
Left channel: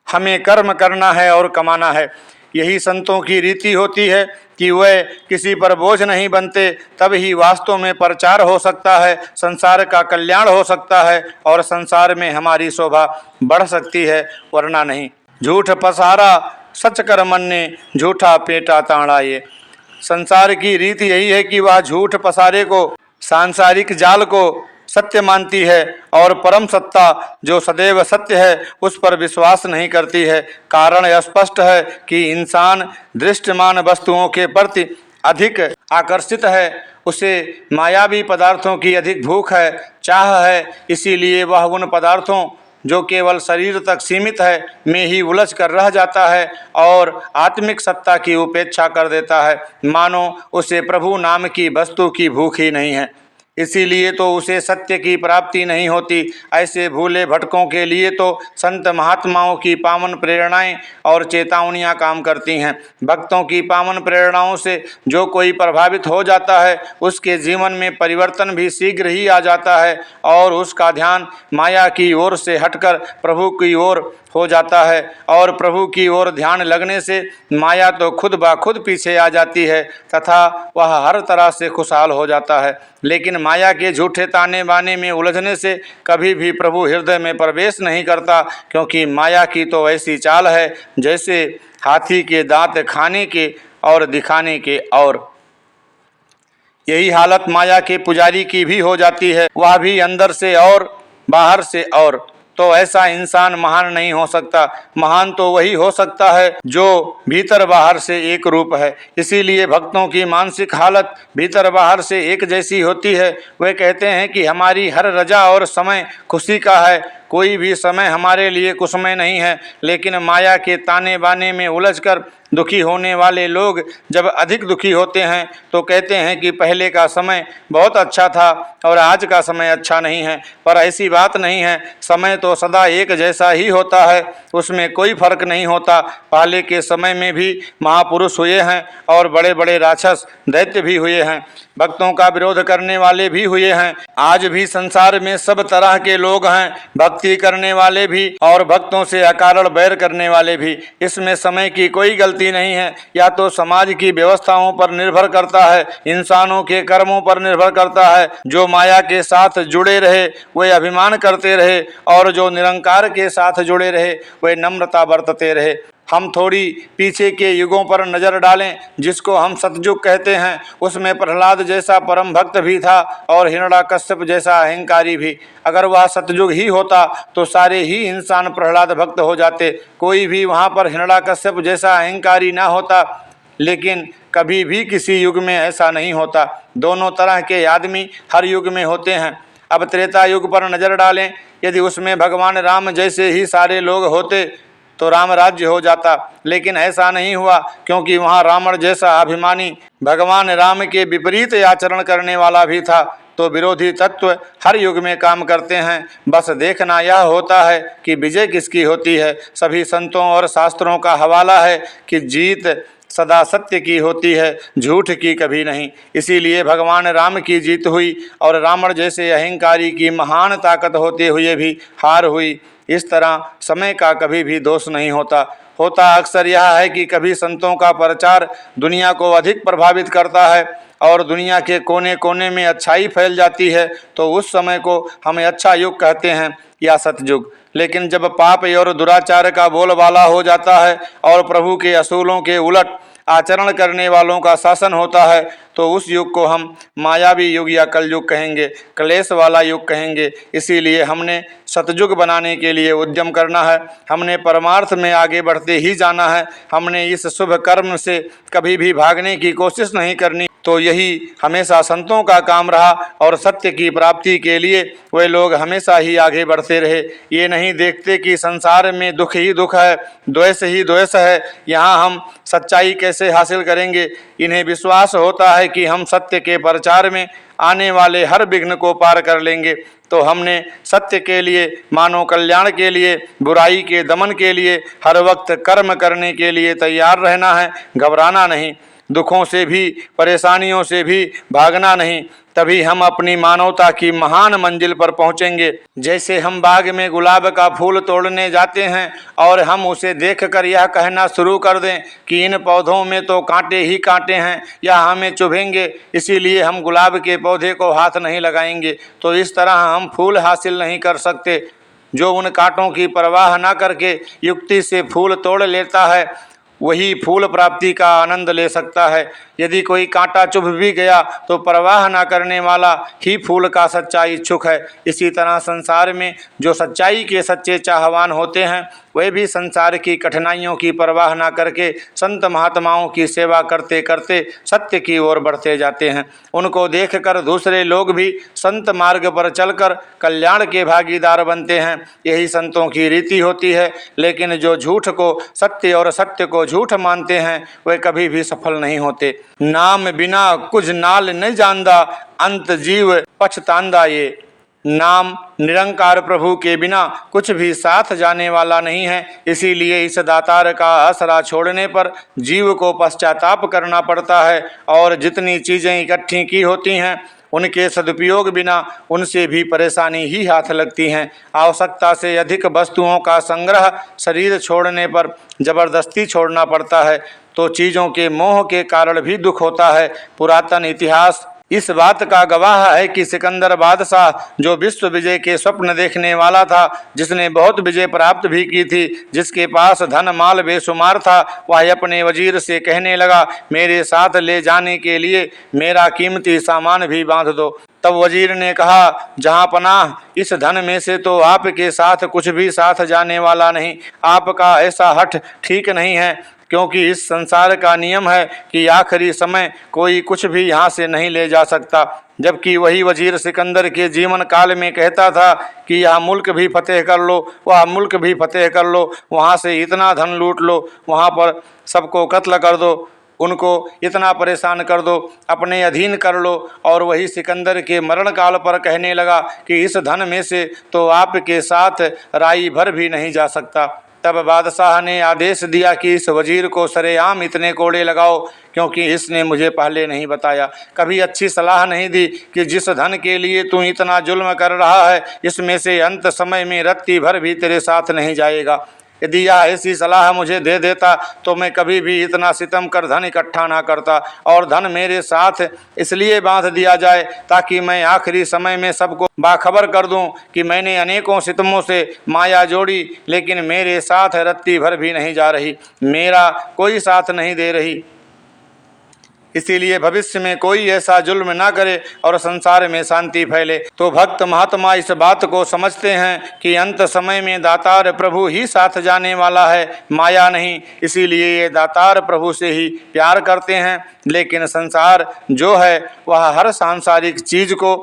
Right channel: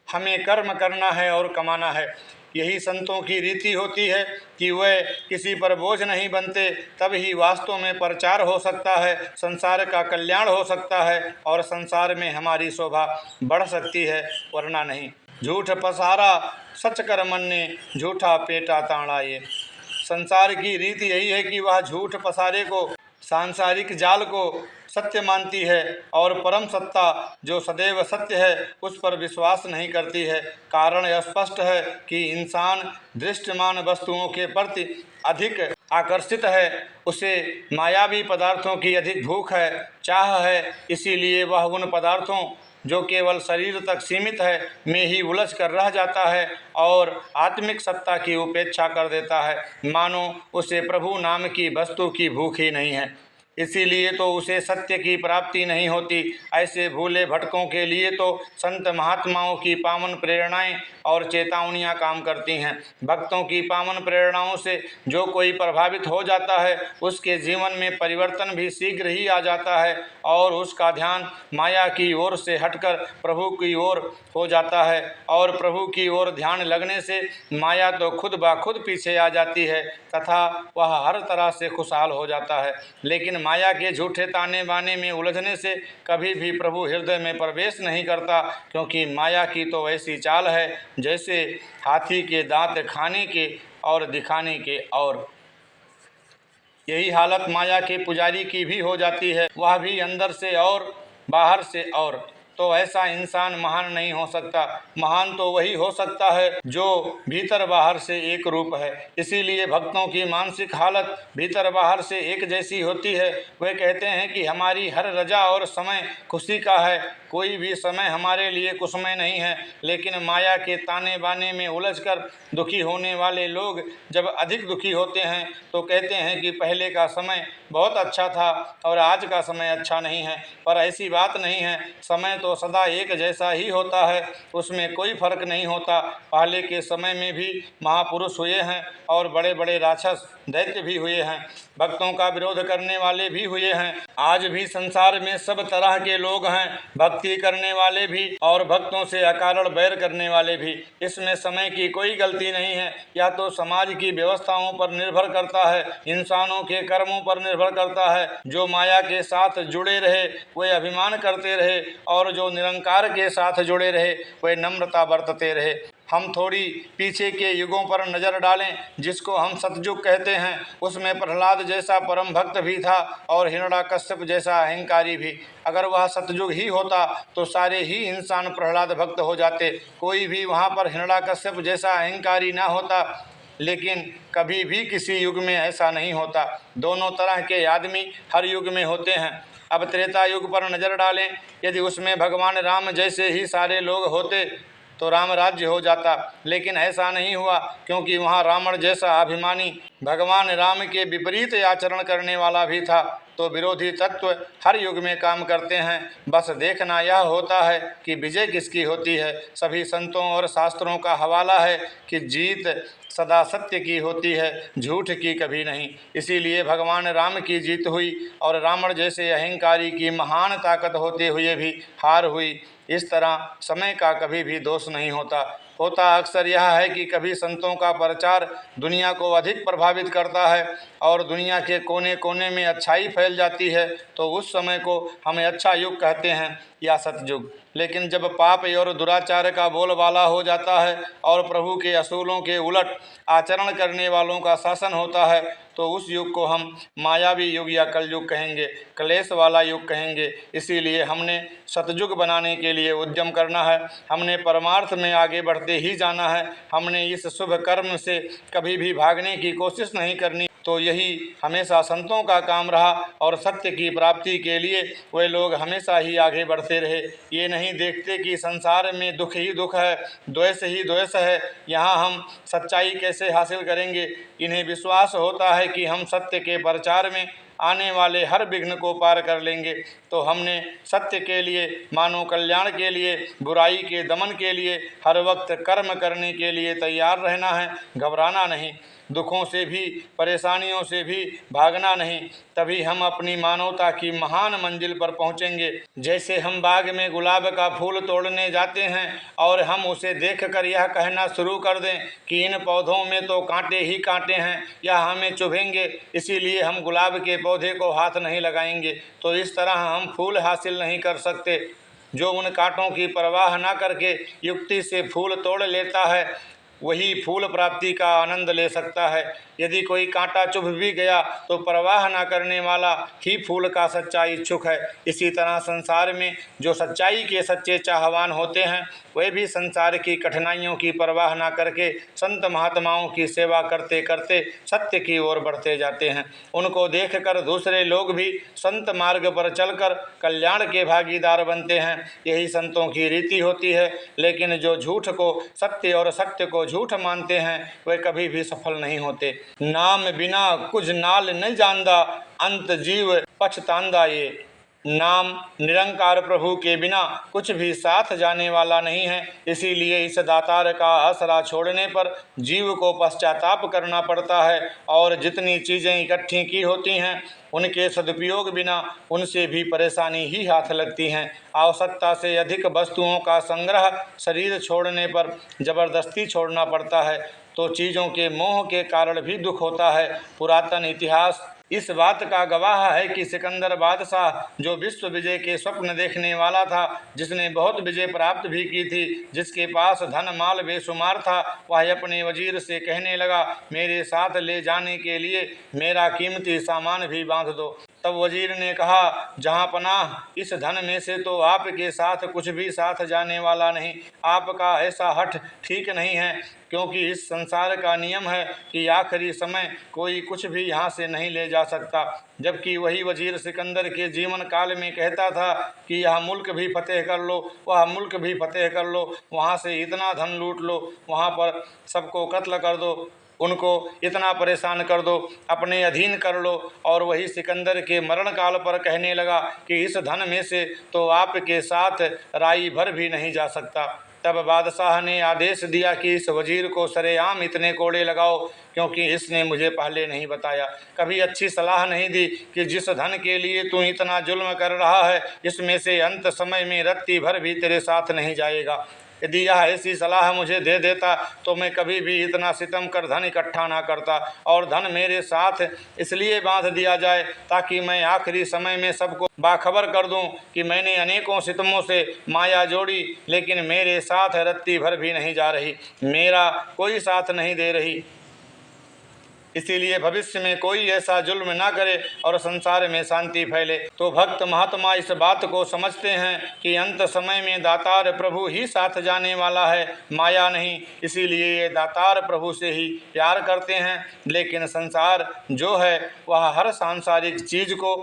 हमें कर्म करना है और कमाना है। यही संतों की रीति होती है कि वे किसी पर बोझ नहीं बनते, तब ही वास्तव में प्रचार हो सकता है, संसार का कल्याण हो सकता है और संसार में हमारी शोभा बढ़ सकती है, वरना नहीं। झूठ पसारा सच कर मन ने झूठा पेटा ताड़ा। ये संसार की रीति यही है कि वह झूठ पसारे को, सांसारिक जाल को सत्य मानती है और परम सत्ता जो सदैव सत्य है उस पर विश्वास नहीं करती है। कारण स्पष्ट है कि इंसान दृष्टमान वस्तुओं के प्रति अधिक आकर्षित है, उसे मायावी पदार्थों की अधिक भूख है, चाह है। इसीलिए वह उन पदार्थों जो केवल शरीर तक सीमित है में ही उलझ कर रह जाता है और आत्मिक सत्ता की उपेक्षा कर देता है, मानो उसे प्रभु नाम की वस्तु की भूख ही नहीं है। इसीलिए तो उसे सत्य की प्राप्ति नहीं होती। ऐसे भूले भटकों के लिए तो संत महात्माओं की पावन प्रेरणाएं और चेतावनियां काम करती हैं। भक्तों की पावन प्रेरणाओं से जो कोई प्रभावित हो जाता है उसके जीवन में परिवर्तन भी शीघ्र ही आ जाता है और उसका ध्यान माया की ओर से हटकर प्रभु की ओर हो जाता है और प्रभु की ओर ध्यान लगने से माया तो खुद ब खुद पीछे आ जाती है तथा वह हर तरह से खुशहाल हो जाता है। लेकिन माया के झूठे ताने बाने में उलझने से कभी भी प्रभु हृदय में प्रवेश नहीं करता, क्योंकि माया की तो ऐसी चाल है जैसे हाथी के दांत खाने के और दिखाने के। और यही हालत माया के पुजारी की भी हो जाती है, वह भी अंदर से और बाहर से। और तो ऐसा इंसान महान नहीं हो सकता। महान तो वही हो सकता है जो भीतर बाहर से एक रूप है। इसीलिए भक्तों की मानसिक हालत भीतर बाहर से एक जैसी होती है। वे कहते हैं कि हमारी हर रजा और समय खुशी का है, कोई भी समय हमारे लिए कुसमय नहीं है। लेकिन माया के ताने बाने में उलझकर दुखी होने वाले लोग जब अधिक दुखी होते हैं तो कहते हैं कि पहले का समय बहुत अच्छा था और आज का समय अच्छा नहीं है। पर ऐसी बात नहीं है, समय तो सदा एक जैसा ही होता है, उसमें कोई फर्क नहीं होता। पहले के समय में भी महापुरुष हुए हैं और बड़े बड़े राक्षस दैत्य भी हुए हैं, भक्तों का विरोध करने वाले भी हुए हैं। आज भी संसार में सब तरह के लोग हैं, भक्ति करने वाले भी और भक्तों से अकारण बैर करने वाले भी। इसमें समय की कोई गलती नहीं है। या तो समाज की व्यवस्थाओं पर निर्भर करता है, इंसानों के कर्मों पर निर्भर करता है। जो माया के साथ जुड़े रहे वे अभिमान करते रहे और जो निरंकार के साथ जुड़े रहे वे नम्रता बरतते रहे। हम थोड़ी पीछे के युगों पर नज़र डालें जिसको हम सतयुग कहते हैं। उसमें प्रहलाद जैसा परम भक्त भी था और हिरण्याकश्यप जैसा अहंकारी भी। अगर वह सतयुग ही होता तो सारे ही इंसान प्रहलाद भक्त हो जाते, कोई भी वहाँ पर हिरण्याकश्यप जैसा अहंकारी ना होता। लेकिन कभी भी किसी युग में ऐसा नहीं होता। दोनों तरह के आदमी हर युग में होते हैं। अब त्रेता युग पर नज़र डालें, यदि उसमें भगवान राम जैसे ही सारे लोग होते तो राम राज्य हो जाता, लेकिन ऐसा नहीं हुआ, क्योंकि वहाँ रावण जैसा अभिमानी भगवान राम के विपरीत आचरण करने वाला भी था। तो विरोधी तत्व हर युग में काम करते हैं। बस देखना यह होता है कि विजय किसकी होती है। सभी संतों और शास्त्रों का हवाला है कि जीत सदा सत्य की होती है, झूठ की कभी नहीं। इसीलिए भगवान राम की जीत हुई और रावण जैसे अहंकारी की महान ताकत होते हुए भी हार हुई। इस तरह समय का कभी भी दोष नहीं होता। होता अक्सर यह है कि कभी संतों का प्रचार दुनिया को अधिक प्रभावित करता है और दुनिया के कोने कोने में अच्छाई फैल जाती है, तो उस समय को हमें अच्छा युग कहते हैं या सतयुग। लेकिन जब पाप और दुराचार का बोलबाला हो जाता है और प्रभु के असूलों के उलट आचरण करने वालों का शासन होता है, तो उस युग को हम मायावी युग या कलयुग कहेंगे, क्लेश वाला युग कहेंगे। इसीलिए हमने सतयुग बनाने के लिए उद्यम करना है। हमने परमार्थ में आगे बढ़ते ही जाना है। हमने इस शुभ कर्म से कभी भी भागने की कोशिश नहीं करनी। तो यही हमेशा संतों का काम रहा और सत्य की प्राप्ति के लिए वे लोग हमेशा ही आगे बढ़ते रहे। ये नहीं देखते कि संसार में दुख ही दुख है, द्वेष ही द्वेष है, यहाँ हम सच्चाई कैसे हासिल करेंगे। इन्हें विश्वास होता है कि हम सत्य के प्रचार में आने वाले हर विघ्न को पार कर लेंगे। तो हमने सत्य के लिए, मानव कल्याण के लिए, बुराई के दमन के लिए हर वक्त कर्म करने के लिए तैयार रहना है, घबराना नहीं, दुखों से भी परेशानियों से भी भागना नहीं। तभी हम अपनी मानवता की महान मंजिल पर पहुंचेंगे। जैसे हम बाग में गुलाब का फूल तोड़ने जाते हैं और हम उसे देखकर यह कहना शुरू कर दें कि इन पौधों में तो कांटे ही कांटे हैं या हमें चुभेंगे, इसीलिए हम गुलाब के पौधे को हाथ नहीं लगाएंगे, तो इस तरह हम फूल हासिल नहीं कर सकते। जो उन कांटों की परवाह न करके युक्ति से फूल तोड़ लेता है वही फूल प्राप्ति का आनंद ले सकता है। यदि कोई कांटा चुभ भी गया तो परवाह न करने वाला ही फूल का सच्चा इच्छुक है। इसी तरह संसार में जो सच्चाई के सच्चे चाहवान होते हैं वे भी संसार की कठिनाइयों की परवाह न करके संत महात्माओं की सेवा करते करते सत्य की ओर बढ़ते जाते हैं। उनको देखकर दूसरे लोग भी संत मार्ग पर चलकर कल्याण के भागीदार बनते हैं। यही संतों की रीति होती है। लेकिन जो झूठ को सत्य और सत्य को झूठ मानते हैं वे कभी भी सफल नहीं होते। नाम बिना कुछ नाल नहीं जानदा, अंत जीव पछतांदा। ये नाम निरंकार प्रभु के बिना कुछ भी साथ जाने वाला नहीं है। इसीलिए इस दातार का आसरा छोड़ने पर जीव को पश्चाताप करना पड़ता है और जितनी चीज़ें इकट्ठी की होती हैं उनके सदुपयोग बिना उनसे भी परेशानी ही हाथ लगती हैं। आवश्यकता से अधिक वस्तुओं का संग्रह शरीर छोड़ने पर जबरदस्ती छोड़ना पड़ता है, तो चीज़ों के मोह के कारण भी दुख होता है। पुरातन इतिहास इस बात का गवाह है कि सिकंदर बादशाह जो विश्व विजय के स्वप्न देखने वाला था, जिसने बहुत विजय प्राप्त भी की थी, जिसके पास धन माल बेशुमार था, वह अपने वजीर से कहने लगा, मेरे साथ ले जाने के लिए मेरा कीमती सामान भी बांध दो। तब वजीर ने कहा, जहाँ पनाह, इस धन में से तो आपके साथ कुछ भी साथ जाने वाला नहीं। आपका ऐसा हठ ठीक नहीं है, क्योंकि इस संसार का नियम है कि आखिरी समय कोई कुछ भी यहाँ से नहीं ले जा सकता। जबकि वही वजीर सिकंदर के जीवन काल में कहता था कि यह मुल्क भी फतेह कर लो, वह मुल्क भी फतेह कर लो, वहाँ से इतना धन लूट लो, वहाँ पर सबको कत्ल कर दो, उनको इतना परेशान कर दो, अपने अधीन कर लो। और वही सिकंदर के मरण काल पर कहने लगा कि इस धन में से तो आपके साथ राई भर भी नहीं जा सकता। तब बादशाह ने आदेश दिया कि इस वजीर को सरेआम इतने कोड़े लगाओ, क्योंकि इसने मुझे पहले नहीं बताया, कभी अच्छी सलाह नहीं दी कि जिस धन के लिए तू इतना जुल्म कर रहा है इसमें से अंत समय में रत्ती भर भी तेरे साथ नहीं जाएगा। यदि यह ऐसी सलाह मुझे दे देता तो मैं कभी भी इतना सितम कर धन इकट्ठा ना करता, और धन मेरे साथ इसलिए बांध दिया जाए ताकि मैं आखिरी समय में सबको बाखबर कर दूं कि मैंने अनेकों सितमों से माया जोड़ी, लेकिन मेरे साथ रत्ती भर भी नहीं जा रही, मेरा कोई साथ नहीं दे रही। इसीलिए भविष्य में कोई ऐसा जुल्म ना करे और संसार में शांति फैले। तो भक्त महात्मा इस बात को समझते हैं कि अंत समय में दातार प्रभु ही साथ जाने वाला है, माया नहीं। इसीलिए ये दातार प्रभु से ही प्यार करते हैं। लेकिन संसार जो है वह हर सांसारिक चीज़ को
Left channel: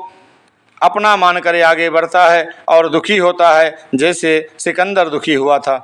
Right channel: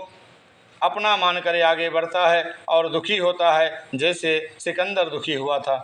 अपना मान कर आगे बढ़ता है और दुखी होता है, जैसे सिकंदर दुखी हुआ था।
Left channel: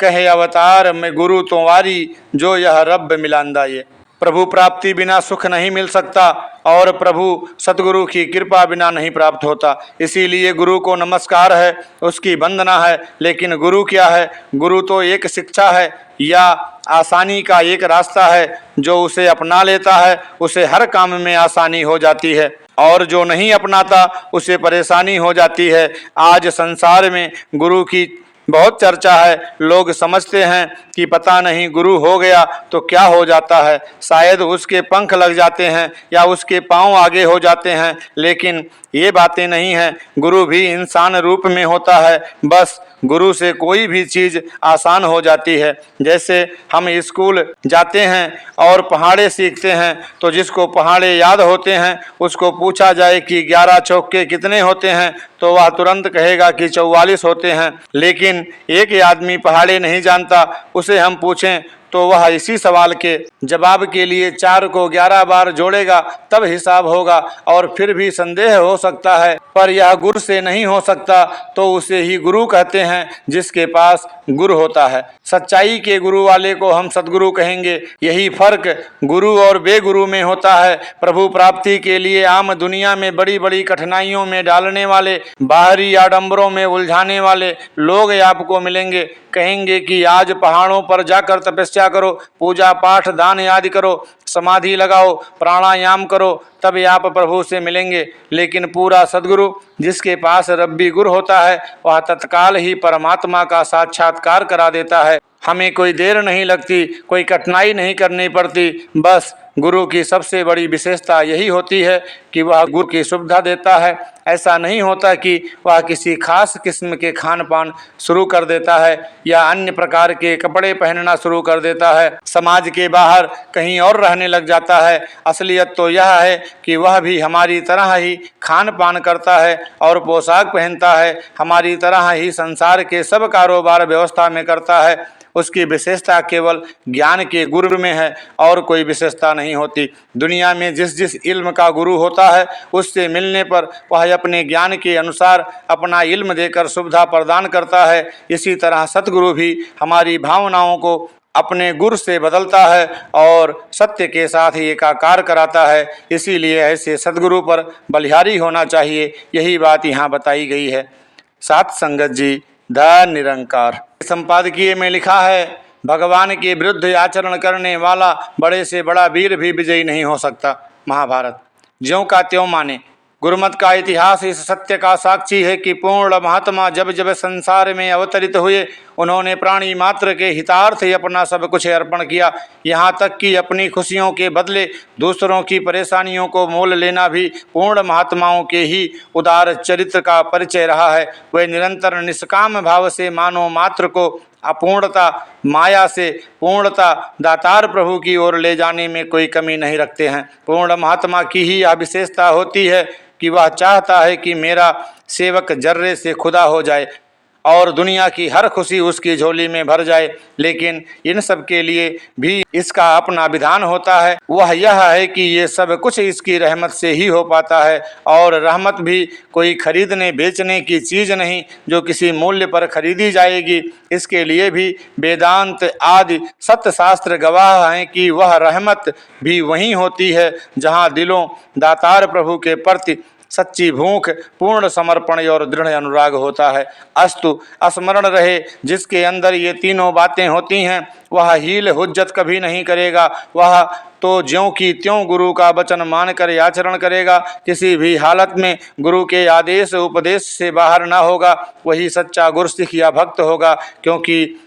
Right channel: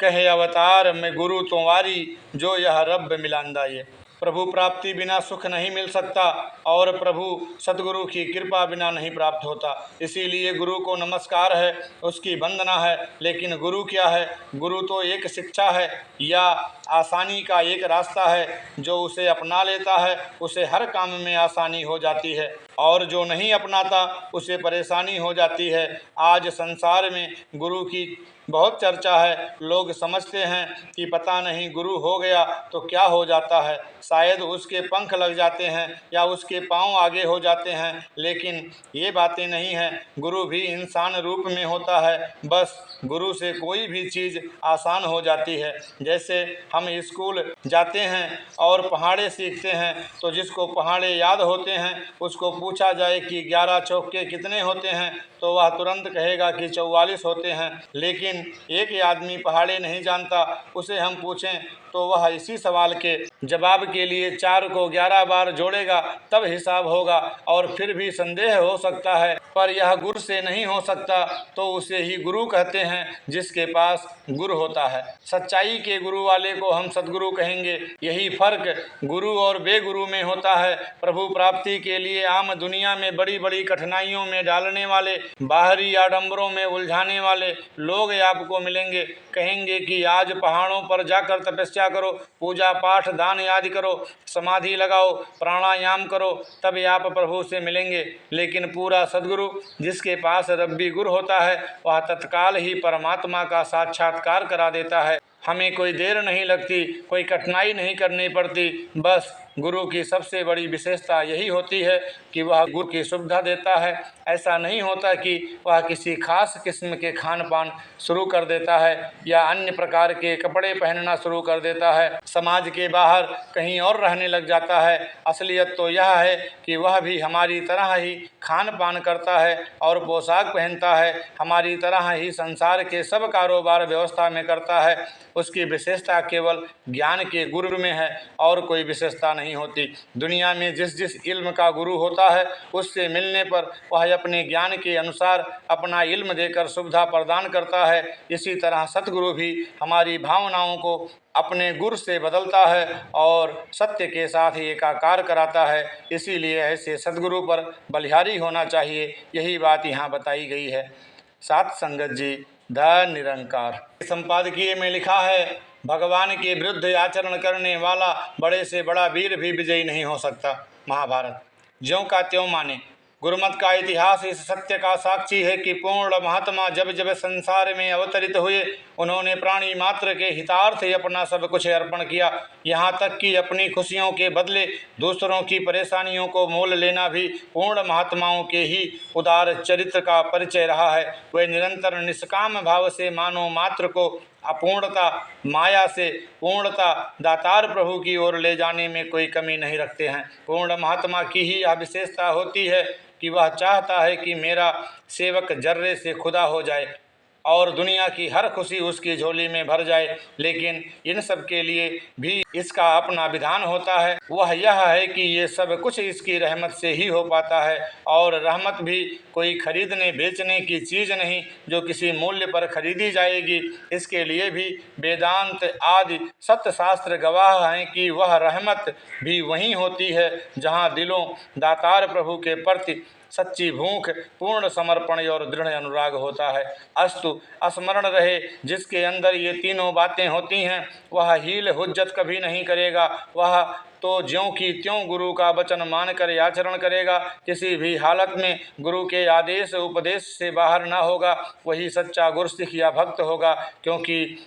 कहे अवतार में गुरु तुम्हारी, जो यह रब मिलांदा। ये प्रभु प्राप्ति बिना सुख नहीं मिल सकता और प्रभु सतगुरु की कृपा बिना नहीं प्राप्त होता। इसीलिए गुरु को नमस्कार है, उसकी वंदना है। लेकिन गुरु क्या है? गुरु तो एक शिक्षा है या आसानी का एक रास्ता है। जो उसे अपना लेता है उसे हर काम में आसानी हो जाती है, और जो नहीं अपनाता उसे परेशानी हो जाती है। आज संसार में गुरु की बहुत चर्चा है। लोग समझते हैं कि पता नहीं गुरु हो गया तो क्या हो जाता है, शायद उसके पंख लग जाते हैं या उसके पांव आगे हो जाते हैं, लेकिन ये बातें नहीं हैं। गुरु भी इंसान रूप में होता है, बस गुरु से कोई भी चीज़ आसान हो जाती है। जैसे हम स्कूल जाते हैं और पहाड़े सीखते हैं, तो जिसको पहाड़े याद होते हैं उसको पूछा जाए कि 11 चौके कितने होते हैं तो वह तुरंत कहेगा कि 44 होते हैं। लेकिन एक आदमी पहाड़े नहीं जानता, उसे हम पूछें तो वह इसी सवाल के जवाब के लिए 4 को 11 बार जोड़ेगा, तब हिसाब होगा। और फिर भी संदेह हो सकता है, पर यह गुरु से नहीं हो सकता, तो उसे ही गुरु कहते हैं जिसके पास गुरु होता है। सच्चाई के गुरु वाले को हम सद्गुरु कहेंगे। यही फर्क गुरु और बेगुरु में होता है। प्रभु प्राप्ति के लिए आम दुनिया में बड़ी बड़ी कठिनाइयों में डालने वाले, बाहरी आडंबरों में उलझाने वाले लोग आपको मिलेंगे। कहेंगे कि आज पहाड़ों पर जाकर तपस्या करो, पूजा पाठ दान आदि करो, समाधि लगाओ, प्राणायाम करो, तब आप प्रभु से मिलेंगे। लेकिन पूरा सद्गुरु जिसके पास रब्बी गुरु होता है, वह तत्काल ही परमात्मा का साक्षात्कार करा देता है। हमें कोई देर नहीं लगती, कोई कठिनाई नहीं करनी पड़ती। बस गुरु की सबसे बड़ी विशेषता यही होती है कि वह गुरु की सुविधा देता है। ऐसा नहीं होता कि वह किसी खास किस्म के खान पान शुरू कर देता है या अन्य प्रकार के कपड़े पहनना शुरू कर देता है, समाज के बाहर कहीं और रहने लग जाता है। असलियत तो यह है कि वह भी हमारी तरह ही खान पान करता है और पोशाक पहनता है, हमारी तरह ही संसार के सब कारोबार व्यवस्था में करता है। उसकी विशेषता केवल ज्ञान के गुरु में है और कोई विशेषता नहीं होती। दुनिया में जिस जिस इल्म का गुरु होता है, उससे मिलने पर वह अपने ज्ञान के अनुसार अपना इल्म देकर सुविधा प्रदान करता है। इसी तरह सतगुरु भी हमारी भावनाओं को अपने गुरु से बदलता है और सत्य के साथ ही एकाकार कराता है। इसीलिए ऐसे सतगुरु पर बलिहारी होना चाहिए। यही बात यहाँ बताई गई है। सात संगत जी ध निरंकार। संपादकीय में लिखा है, भगवान के विरुद्ध आचरण करने वाला बड़े से बड़ा वीर भी विजयी नहीं हो सकता। महाभारत। ज्यों का त्यों माने। गुरुमत का इतिहास इस सत्य का साक्षी है कि पूर्ण महात्मा जब जब संसार में अवतरित हुए, उन्होंने प्राणी मात्र के हितार्थ ही अपना सब कुछ अर्पण किया। यहाँ तक कि अपनी खुशियों के बदले दूसरों की परेशानियों को मोल लेना भी पूर्ण महात्माओं के ही उदार चरित्र का परिचय रहा है। वे निरंतर निष्काम भाव से मानव मात्र को अपूर्णता माया से पूर्णता दातार प्रभु की ओर ले जाने में कोई कमी नहीं रखते हैं। पूर्ण महात्मा की ही यह विशेषता होती है कि वह चाहता है कि मेरा सेवक जर्रे से खुदा हो जाए और दुनिया की हर खुशी उसकी झोली में भर जाए। लेकिन इन सब के लिए भी इसका अपना विधान होता है। वह यह है कि ये सब कुछ इसकी रहमत से ही हो पाता है, और रहमत भी कोई खरीदने बेचने की चीज़ नहीं जो किसी मूल्य पर खरीदी जाएगी। इसके लिए भी वेदांत आदि सत्य शास्त्र गवाह हैं कि वह रहमत भी वहीं होती है जहाँ दिलों दातार प्रभु के प्रति सच्ची भूख, पूर्ण समर्पण और दृढ़ अनुराग होता है। अस्तु स्मरण रहे, जिसके अंदर ये तीनों बातें होती हैं वह हील हुज्जत कभी नहीं करेगा। वह तो ज्यों की त्यों गुरु का वचन मानकर आचरण करेगा। किसी भी हालत में गुरु के आदेश उपदेश से बाहर ना होगा। वही सच्चा गुरसिख या भक्त होगा, क्योंकि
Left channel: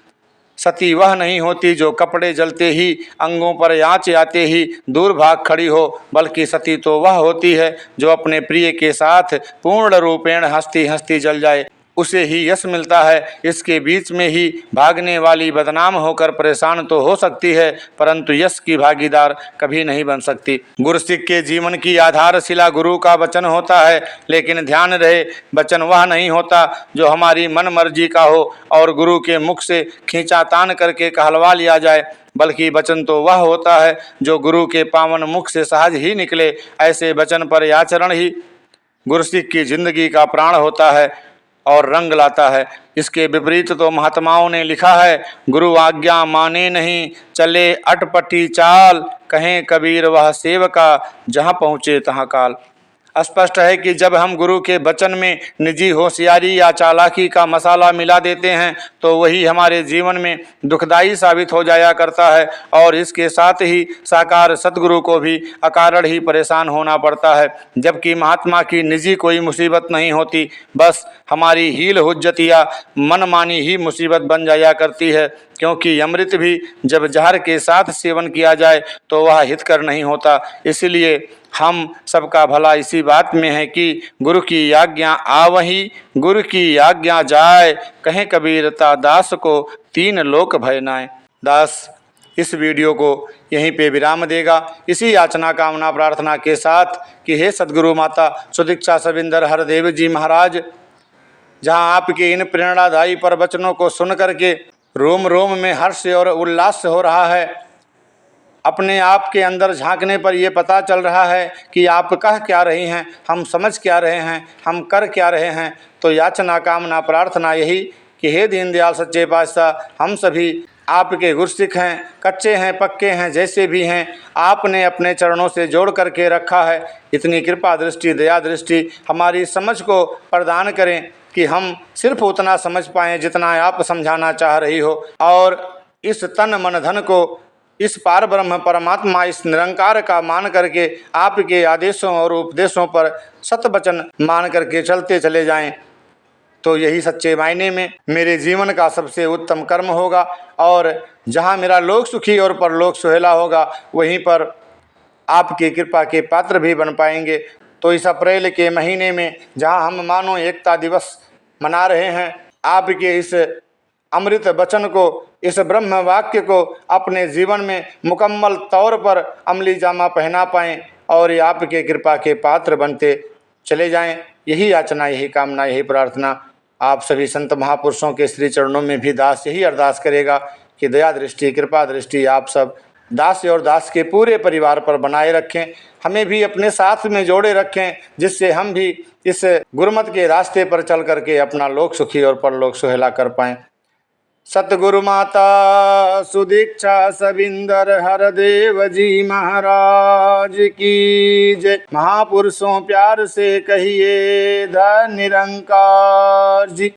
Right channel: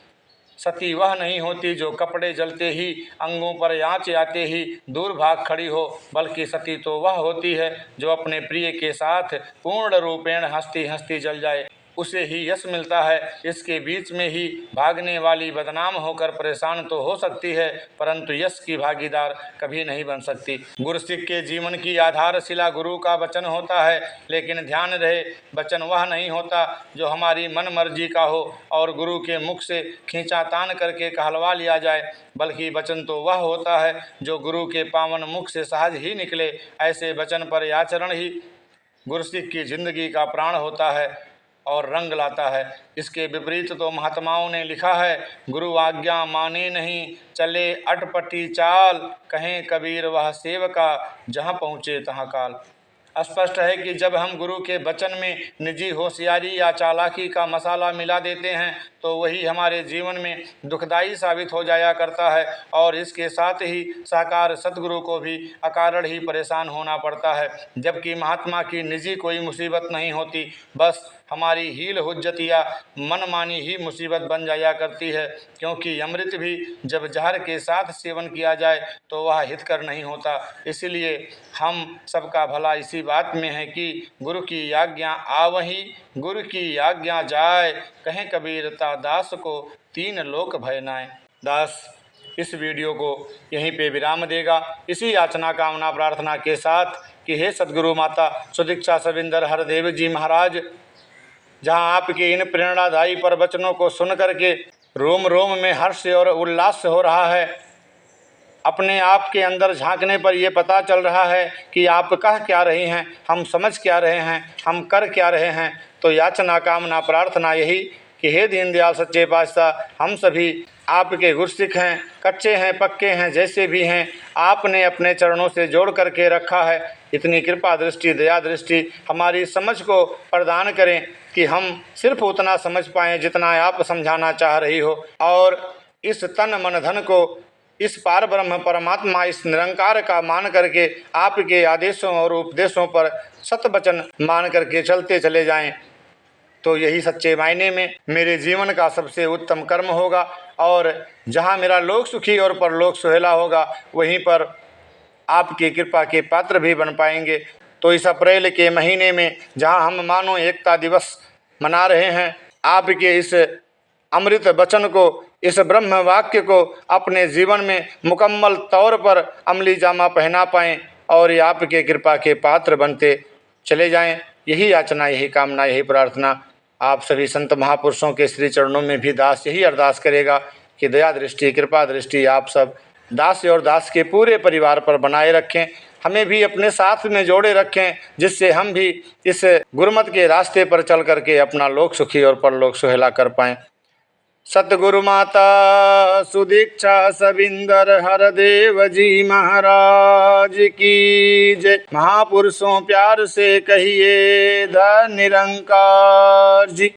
सती वह नहीं होती जो कपड़े जलते ही, अंगों पर आँच आते ही दूर भाग खड़ी हो, बल्कि सती तो वह होती है जो अपने प्रिय के साथ पूर्ण रूपेण हंसती हंसती जल जाए। उसे ही यश मिलता है। इसके बीच में ही भागने वाली बदनाम होकर परेशान तो हो सकती है, परंतु यश की भागीदार कभी नहीं बन सकती। गुरुसिख के जीवन की आधारशिला गुरु का वचन होता है, लेकिन ध्यान रहे, वचन वह नहीं होता जो हमारी मन मर्जी का हो और गुरु के मुख से खींचातान करके कहलवा लिया जाए, बल्कि वचन तो वह होता है जो गुरु के पावन मुख से सहज ही निकले। ऐसे वचन पर आचरण ही गुरुसिख की जिंदगी का प्राण होता है और रंग लाता है। इसके विपरीत तो महात्माओं ने लिखा है, गुरु आज्ञा माने नहीं, चले अटपटी चाल, कहें कबीर वह सेवका, जहाँ पहुँचे तहाँ काल। स्पष्ट है कि जब हम गुरु के वचन में निजी होशियारी या चालाकी का मसाला मिला देते हैं तो वही हमारे जीवन में दुखदायी साबित हो जाया करता है, और इसके साथ ही साकार सतगुरु को भी अकारण ही परेशान होना पड़ता है। जबकि महात्मा की निजी कोई मुसीबत नहीं होती, बस हमारी हील हुज्जत या मनमानी ही मुसीबत बन जाया करती है। क्योंकि अमृत भी जब जहर के साथ सेवन किया जाए तो वह हितकर नहीं होता। इसलिए हम सबका भला इसी बात में है कि गुरु की आज्ञा आवहीं, गुरु की आज्ञा जाए, कहें कबीरता दास को तीन लोक भय नाय। दास इस वीडियो को यहीं पे विराम देगा, इसी याचना कामना प्रार्थना के साथ कि हे सद्गुरु माता सुदीक्षा सविंदर हरदेव जी महाराज, जहाँ आपके इन प्रेरणादायी पर वचनों को सुन करके रोम रोम में हर्ष और उल्लास हो रहा है। अपने आप के अंदर झांकने पर यह पता चल रहा है कि आप कह क्या रही हैं, हम समझ क्या रहे हैं, हम कर क्या रहे हैं। तो याचना कामना प्रार्थना यही कि हे दीनदयाल सच्चे पातशाह, हम सभी आपके गुरसिख हैं, कच्चे हैं पक्के हैं, जैसे भी हैं आपने अपने चरणों से जोड़ करके रखा है। इतनी कृपा दृष्टि दया दृष्टि हमारी समझ को प्रदान करें कि हम सिर्फ उतना समझ पाएँ जितना आप समझाना चाह रही हो, और इस तन मन धन को इस पार ब्रह्म परमात्मा इस निरंकार का मान करके आपके आदेशों और उपदेशों पर सतवचन मान करके चलते चले जाएं। तो यही सच्चे मायने में मेरे जीवन का सबसे उत्तम कर्म होगा, और जहाँ मेरा लोक सुखी और परलोक सुहेला होगा वहीं पर आपकी कृपा के पात्र भी बन पाएंगे। तो इस अप्रैल के महीने में जहाँ हम मानो एकता दिवस मना रहे हैं, आपके इस अमृत वचन को, इस ब्रह्म वाक्य को अपने जीवन में मुकम्मल तौर पर अमली जामा पहना पाएँ और ये आपके कृपा के पात्र बनते चले जाएं। यही याचना, यही कामना, यही प्रार्थना आप सभी संत महापुरुषों के श्री चरणों में भी दास यही अरदास करेगा कि दया दृष्टि कृपा दृष्टि आप सब दास और दास के पूरे परिवार पर बनाए रखें, हमें भी अपने साथ में जोड़े रखें, जिससे हम भी इस गुरुमत के रास्ते पर चल करके अपना लोक सुखी और परलोक सुहेला कर पाएँ। सतगुरु माता सुदीक्षा सविंदर हरदेव जी महाराज की जय। महापुरुषों प्यार से कहिए धन निरंकार जी।